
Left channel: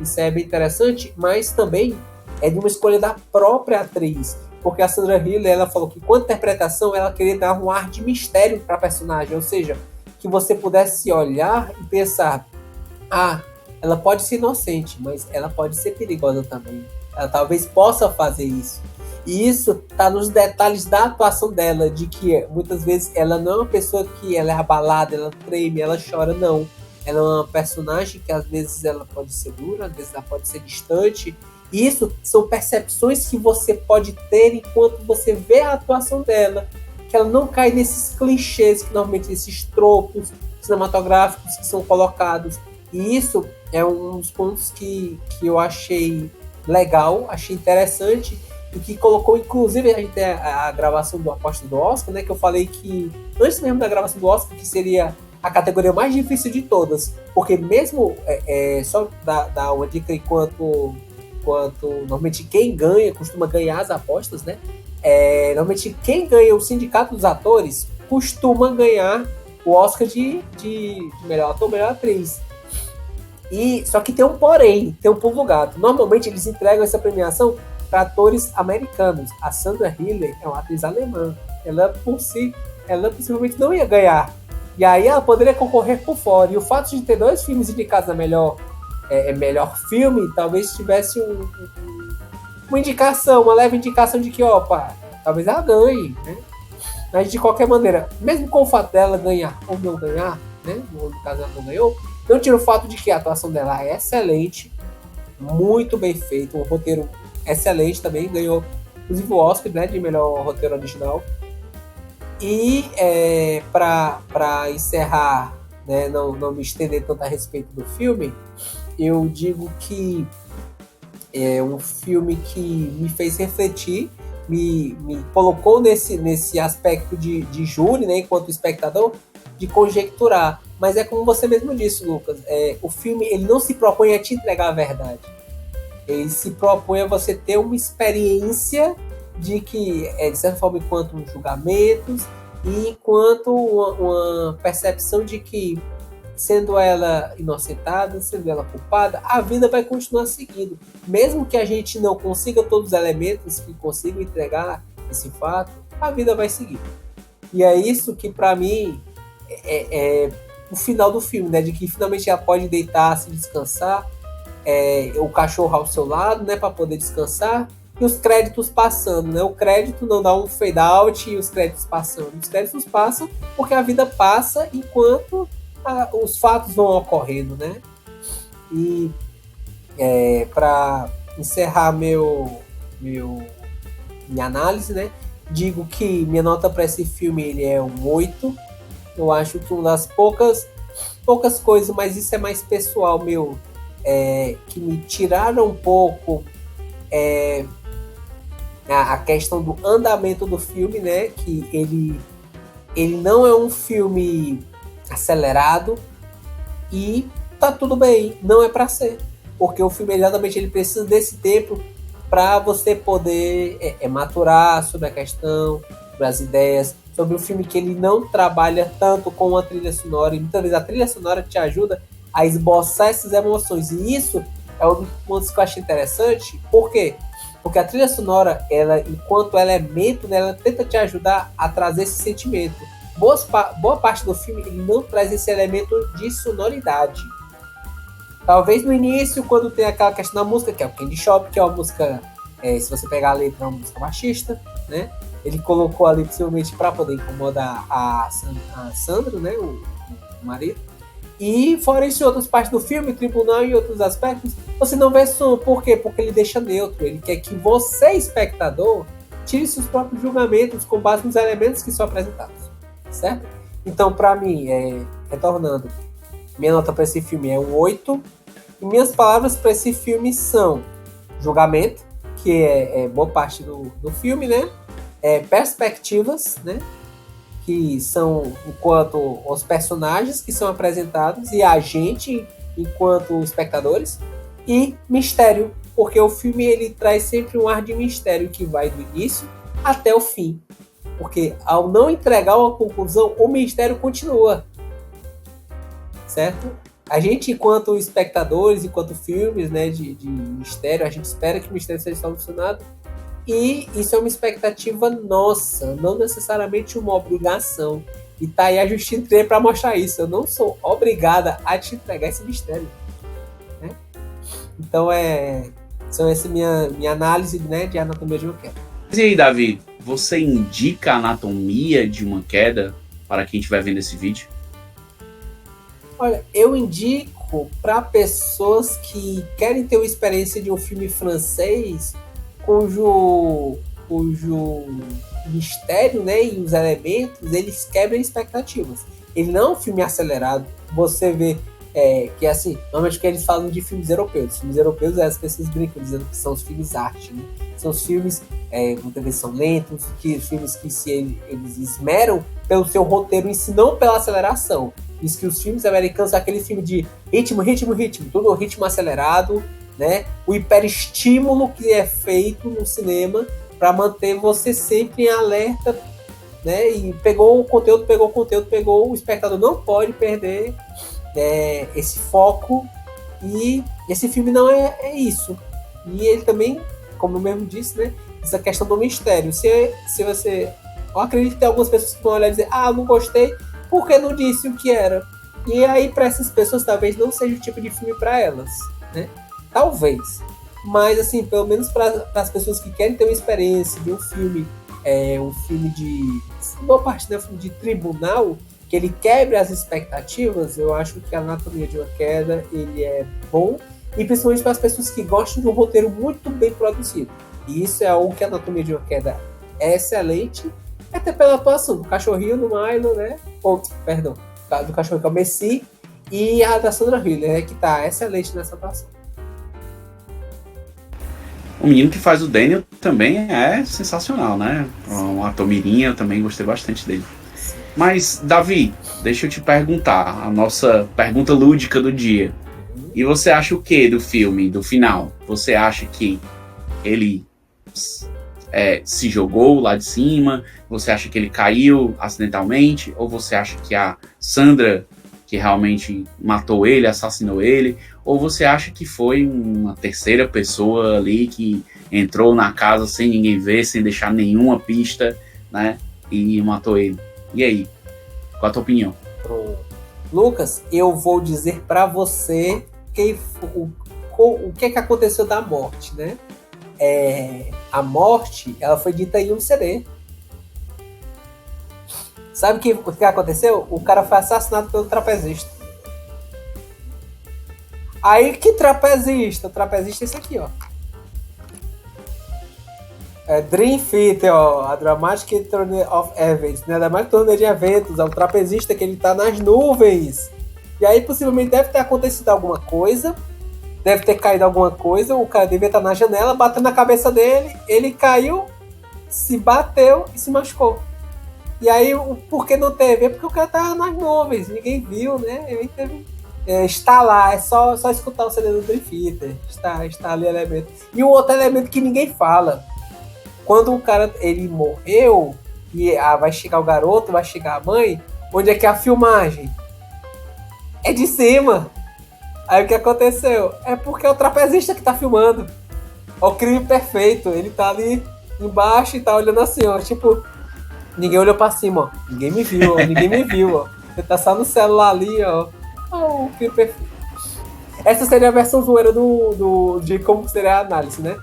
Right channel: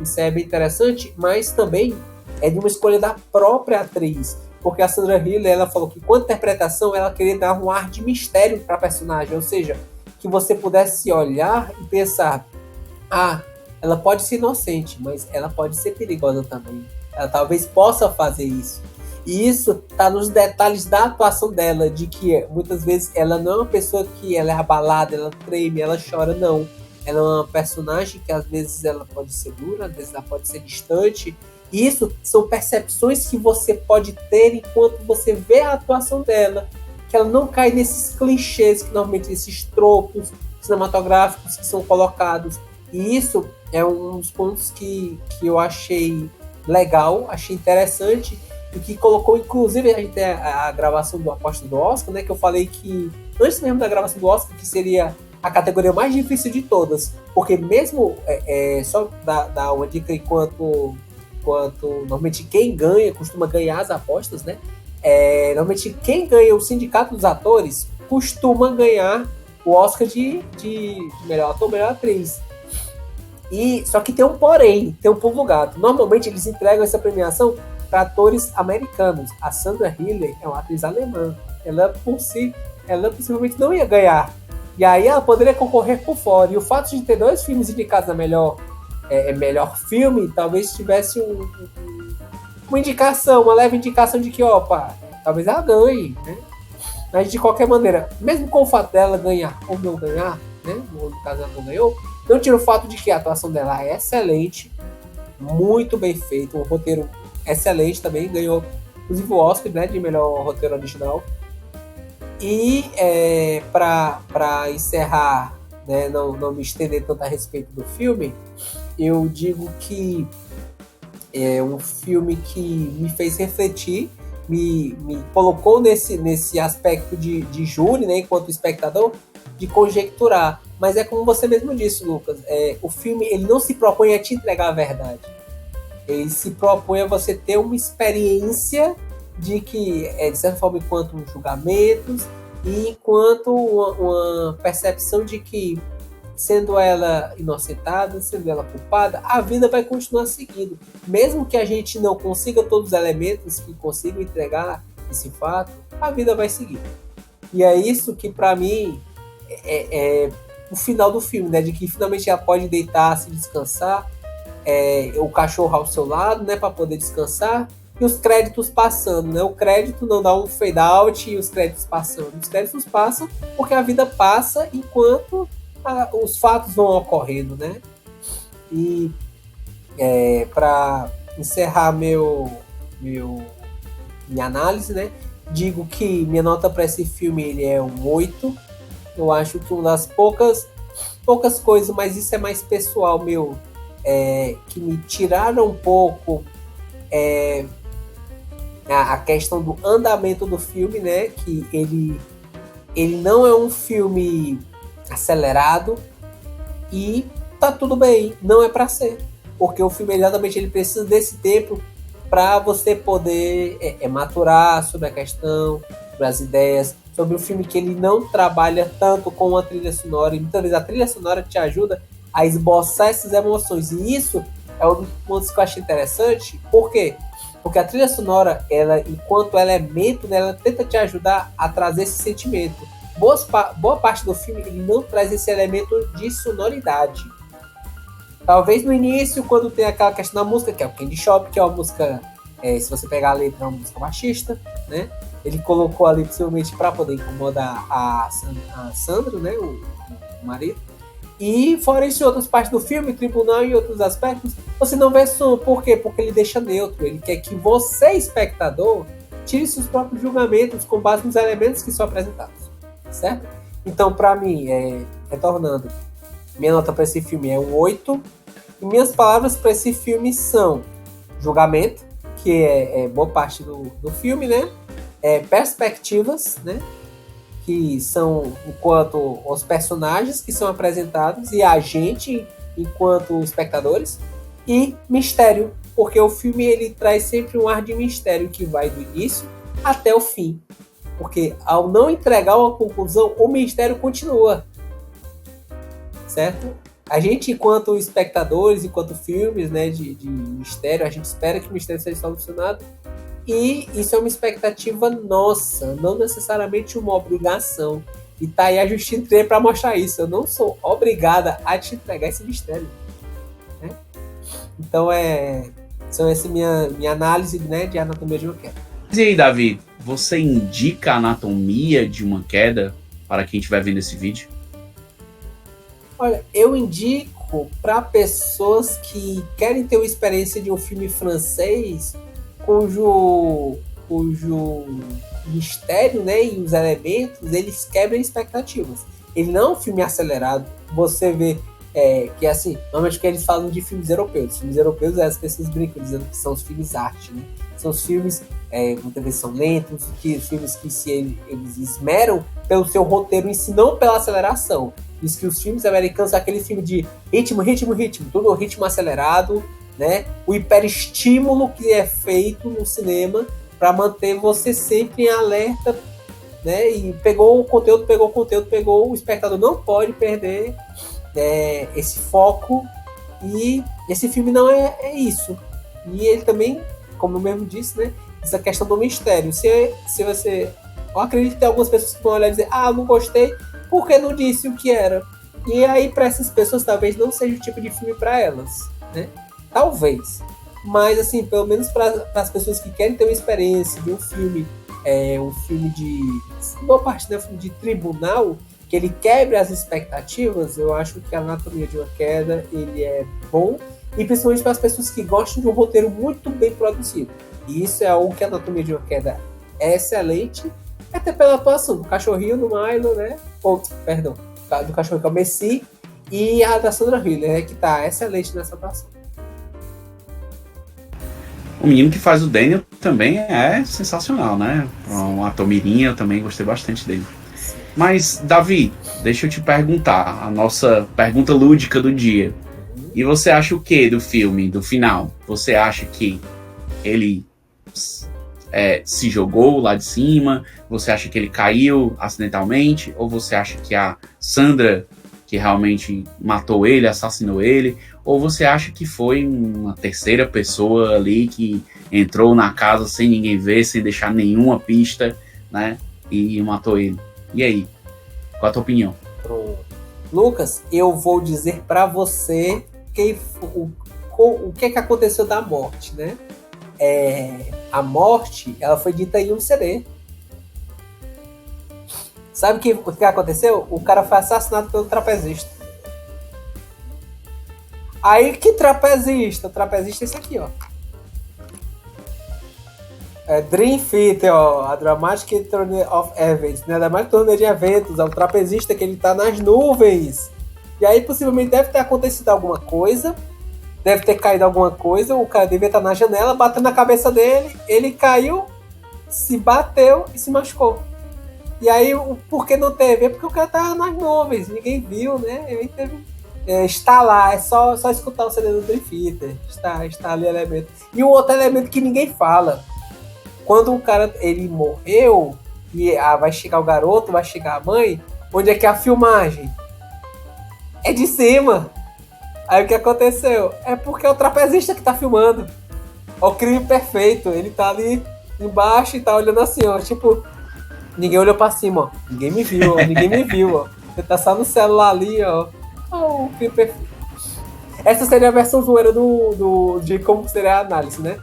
Isso é bem interessante, mas também é de uma escolha da própria atriz. Porque a Sandra Hüller, ela falou que quanto à interpretação, ela queria dar um ar de mistério para a personagem. Ou seja, que você pudesse olhar e pensar, ela pode ser inocente, mas ela pode ser perigosa também. Ela talvez possa fazer isso. E isso está nos detalhes da atuação dela, de que muitas vezes ela não é uma pessoa que ela é abalada, ela treme, ela chora, não. Ela é uma personagem que às vezes ela pode ser dura, às vezes ela pode ser distante. E isso são percepções que você pode ter enquanto você vê a atuação dela. Que ela não cai nesses clichês, que normalmente esses tropos cinematográficos que são colocados. E isso é um dos pontos que eu achei legal, achei interessante. E que colocou, inclusive, a gente tem a gravação do Aposta do Oscar, né? Que eu falei que, antes mesmo da gravação do Oscar, que seria a categoria mais difícil de todas, porque mesmo só dar uma dica enquanto normalmente quem ganha, costuma ganhar as apostas, né? Normalmente quem ganha o sindicato dos atores costuma ganhar o Oscar de melhor ator, melhor atriz. E só que tem um porém, tem um pulo do gato. Normalmente eles entregam essa premiação para atores americanos. A Sandra Hüller é uma atriz alemã. Ela possivelmente não ia ganhar. E aí ela poderia concorrer por fora. E o fato de ter 2 filmes indicados a melhor filme, talvez tivesse uma indicação, uma leve indicação de que, talvez ela ganhe, né? Mas de qualquer maneira, mesmo com o fato dela ganhar ou não ganhar, né? No caso ela não ganhou, não tira o fato de que a atuação dela é excelente, muito bem feito, um roteiro excelente também, ganhou inclusive o Oscar, né, de melhor roteiro original. E para encerrar, né, não me estender tanto a respeito do filme, eu digo que é um filme que me fez refletir, me colocou nesse aspecto de júri, né, enquanto espectador, de conjecturar. Mas é como você mesmo disse, Lucas, o filme ele não se propõe a te entregar a verdade. Ele se propõe a você ter uma experiência de que, de certa forma, enquanto julgamentos e enquanto uma percepção de que, sendo ela inocentada, sendo ela culpada, a vida vai continuar seguindo. Mesmo que a gente não consiga todos os elementos que consigam entregar esse fato, a vida vai seguir. E é isso que, para mim, é o final do filme, né? De que finalmente ela pode deitar, se descansar, o cachorro ao seu lado, né? Para poder descansar, e os créditos passando, né? O crédito não dá um fade out e os créditos passando. Os créditos passam porque a vida passa enquanto os fatos vão ocorrendo, né? E para encerrar minha análise, né? Digo que minha nota para esse filme ele é um 8. Eu acho que uma das poucas coisas, mas isso é mais pessoal meu, que me tiraram um pouco a questão do andamento do filme, né? Que ele não é um filme acelerado e tá tudo bem, não é para ser, porque o filme exatamente ele precisa desse tempo para você poder maturar sobre a questão, sobre as ideias, sobre o filme que ele não trabalha tanto com a trilha sonora, e muitas vezes a trilha sonora te ajuda a esboçar essas emoções, e isso é um dos pontos que eu achei interessante. Por quê? Porque a trilha sonora, ela, enquanto elemento, né, ela tenta te ajudar a trazer esse sentimento. Boa parte do filme ele não traz esse elemento de sonoridade. Talvez no início, quando tem aquela questão da música, que é o Candy Shop, que é uma música, se você pegar a letra, é uma música machista, né? Ele colocou ali possivelmente para poder incomodar a Sandra, né, o marido. E fora isso, em outras partes do filme, tribunal e outros aspectos, você não vê som. Por quê? Porque ele deixa neutro. Ele quer que você, espectador, tire seus próprios julgamentos com base nos elementos que são apresentados. Certo? Então, para mim, retornando, minha nota para esse filme é um 8. E minhas palavras para esse filme são julgamento, que é boa parte do filme, né? Perspectivas, né? Que são enquanto os personagens que são apresentados e a gente enquanto espectadores, e mistério, porque o filme ele traz sempre um ar de mistério que vai do início até o fim. Porque ao não entregar uma conclusão, o mistério continua. Certo? A gente, enquanto espectadores, enquanto filmes, né, de mistério, a gente espera que o mistério seja solucionado. E isso é uma expectativa nossa, não necessariamente uma obrigação. E tá aí a Justine Trier para mostrar isso. Eu não sou obrigada a te entregar esse mistério. Né? Então são essa minha análise, né, de Anatomia de uma Queda. E aí, Davi, você indica a Anatomia de uma Queda para quem estiver vendo esse vídeo? Olha, eu indico para pessoas que querem ter uma experiência de um filme francês cujo mistério, né, e os elementos, eles quebram expectativas. Ele não é um filme acelerado. Você vê que, assim, normalmente que eles falam de filmes europeus. Filmes europeus, as pessoas brincam dizendo que são os filmes arte, né? São os filmes, muitas vezes são lentos, filmes que eles esmeram pelo seu roteiro em si, não pela aceleração. Diz que os filmes americanos são aquele filme de ritmo, tudo ritmo acelerado, né? O hiperestímulo que é feito no cinema para manter você sempre em alerta, né? E pegou o conteúdo, o espectador não pode perder esse foco, e esse filme não é isso. E ele também, como eu mesmo disse, né? Essa questão do mistério. Se você... Eu acredito que tem algumas pessoas que vão olhar e dizer, não gostei, porque não disse o que era. E aí, para essas pessoas, talvez não seja o tipo de filme para elas, né? Talvez. Mas, assim, pelo menos para as pessoas que querem ter uma experiência de um filme de... boa parte, né? Um filme de tribunal, que ele quebre as expectativas, eu acho que a Anatomia de uma Queda, ele é bom, e principalmente para as pessoas que gostam de um roteiro muito bem produzido. E isso é algo que a Anatomia de uma Queda é excelente, até pela atuação do cachorrinho do Milo, né? Do cachorrinho que é o Messi, e a da Sandra Hüller, né? Que tá excelente nessa atuação. O menino que faz o Daniel também é sensacional, né? Um ator mirim, eu também gostei bastante dele. Sim. Mas, Davi, deixa eu te perguntar, a nossa pergunta lúdica do dia. E você acha o que do filme, do final? Você acha que ele se jogou lá de cima? Você acha que ele caiu acidentalmente? Ou você acha que a Sandra, que realmente matou ele, assassinou ele? Ou você acha que foi uma terceira pessoa ali que entrou na casa sem ninguém ver, sem deixar nenhuma pista, né? E matou ele? E aí? Qual a tua opinião? Lucas, eu vou dizer para você o que aconteceu da morte, né? A morte, ela foi dita em um CD. Sabe o que aconteceu? O cara foi assassinado pelo trapezista. Aí, que trapezista? O trapezista é esse aqui, ó. Dream Theater, ó. A Dramatic Tourney of Events, né? A Dramatic Tourney de Eventos. É o trapezista que ele tá nas nuvens. E aí, possivelmente, deve ter acontecido alguma coisa. Deve ter caído alguma coisa. O cara devia estar na janela, batendo na cabeça dele. Ele caiu, se bateu e se machucou. E aí, por que não teve? Porque o cara tava nas nuvens. Ninguém viu, né? Ele teve... está lá, é só escutar o CD do Dream Theater. Está ali o elemento. E o outro elemento que ninguém fala. Quando o cara ele morreu, e vai chegar o garoto, vai chegar a mãe, onde é que é a filmagem? É de cima. Aí o que aconteceu? É porque é o trapezista que tá filmando. É o crime perfeito. Ele tá ali embaixo e tá olhando assim, ó. Tipo, ninguém olhou pra cima, ó. Ninguém me viu, ó. Ninguém me viu, ó. Você tá só no celular ali, ó. O crime perfeito. Essa seria a versão zoeira de como seria a análise, né?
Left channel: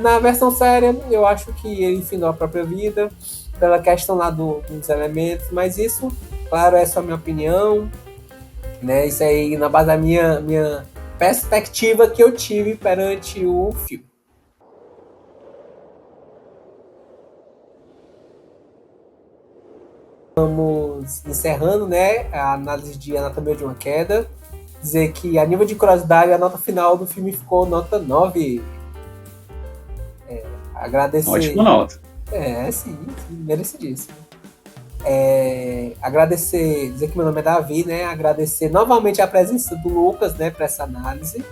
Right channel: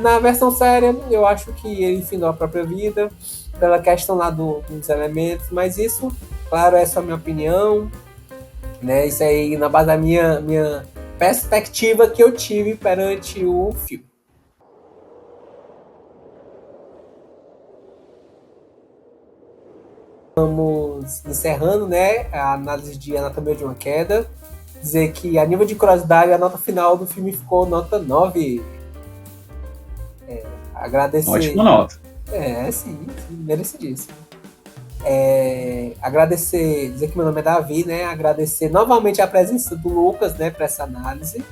Na versão séria, eu acho que ele enfinou a própria vida pela questão lá dos elementos, mas isso, claro, é só a minha opinião, né? Isso aí na base da minha perspectiva que eu tive perante o filme. Vamos encerrando, né, a análise de Anatomia de uma Queda. Dizer que a nível de curiosidade, a nota final do filme ficou nota 9. Agradecer. Ótima nota. Sim, merecidíssimo. Agradecer, dizer que meu nome é Davi, né? Agradecer novamente a presença do Lucas, né, para essa análise.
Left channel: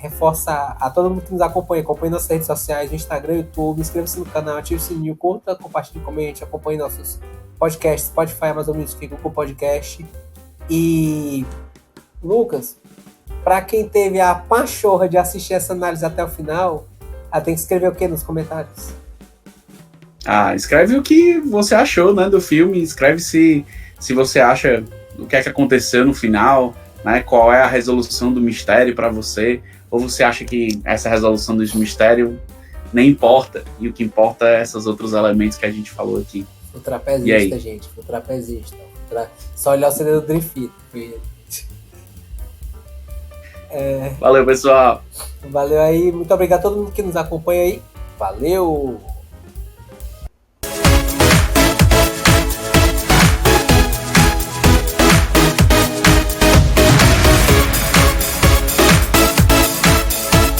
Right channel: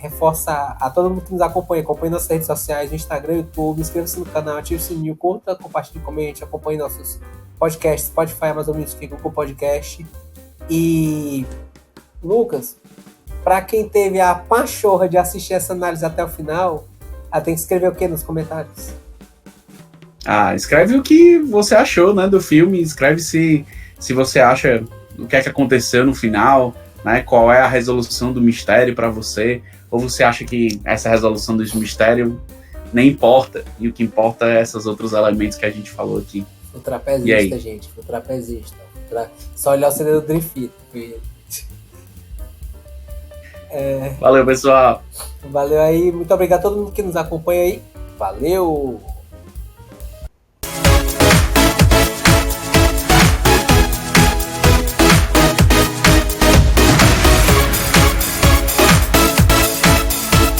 reforça a todo mundo que nos acompanha nossas redes sociais, no Instagram, YouTube, inscreva-se no canal, ative o sininho, curta, compartilhe, comente, acompanhe nossos podcasts, Spotify, Amazon Music, Google Podcast. E, Lucas, para quem teve a pachorra de assistir essa análise até o final, tem que escrever o que nos comentários? Escreve o que você achou, né, do filme, escreve se você acha o que é que aconteceu no final, né, qual é a resolução do mistério para você, ou você acha que essa resolução do mistério nem importa, e o que importa é esses outros elementos que a gente falou aqui. O trapezista, gente, o trapezista. Só olhar o CD do Dream Theater. Valeu, pessoal. Valeu aí, muito obrigado a todo mundo que nos acompanha aí. Valeu!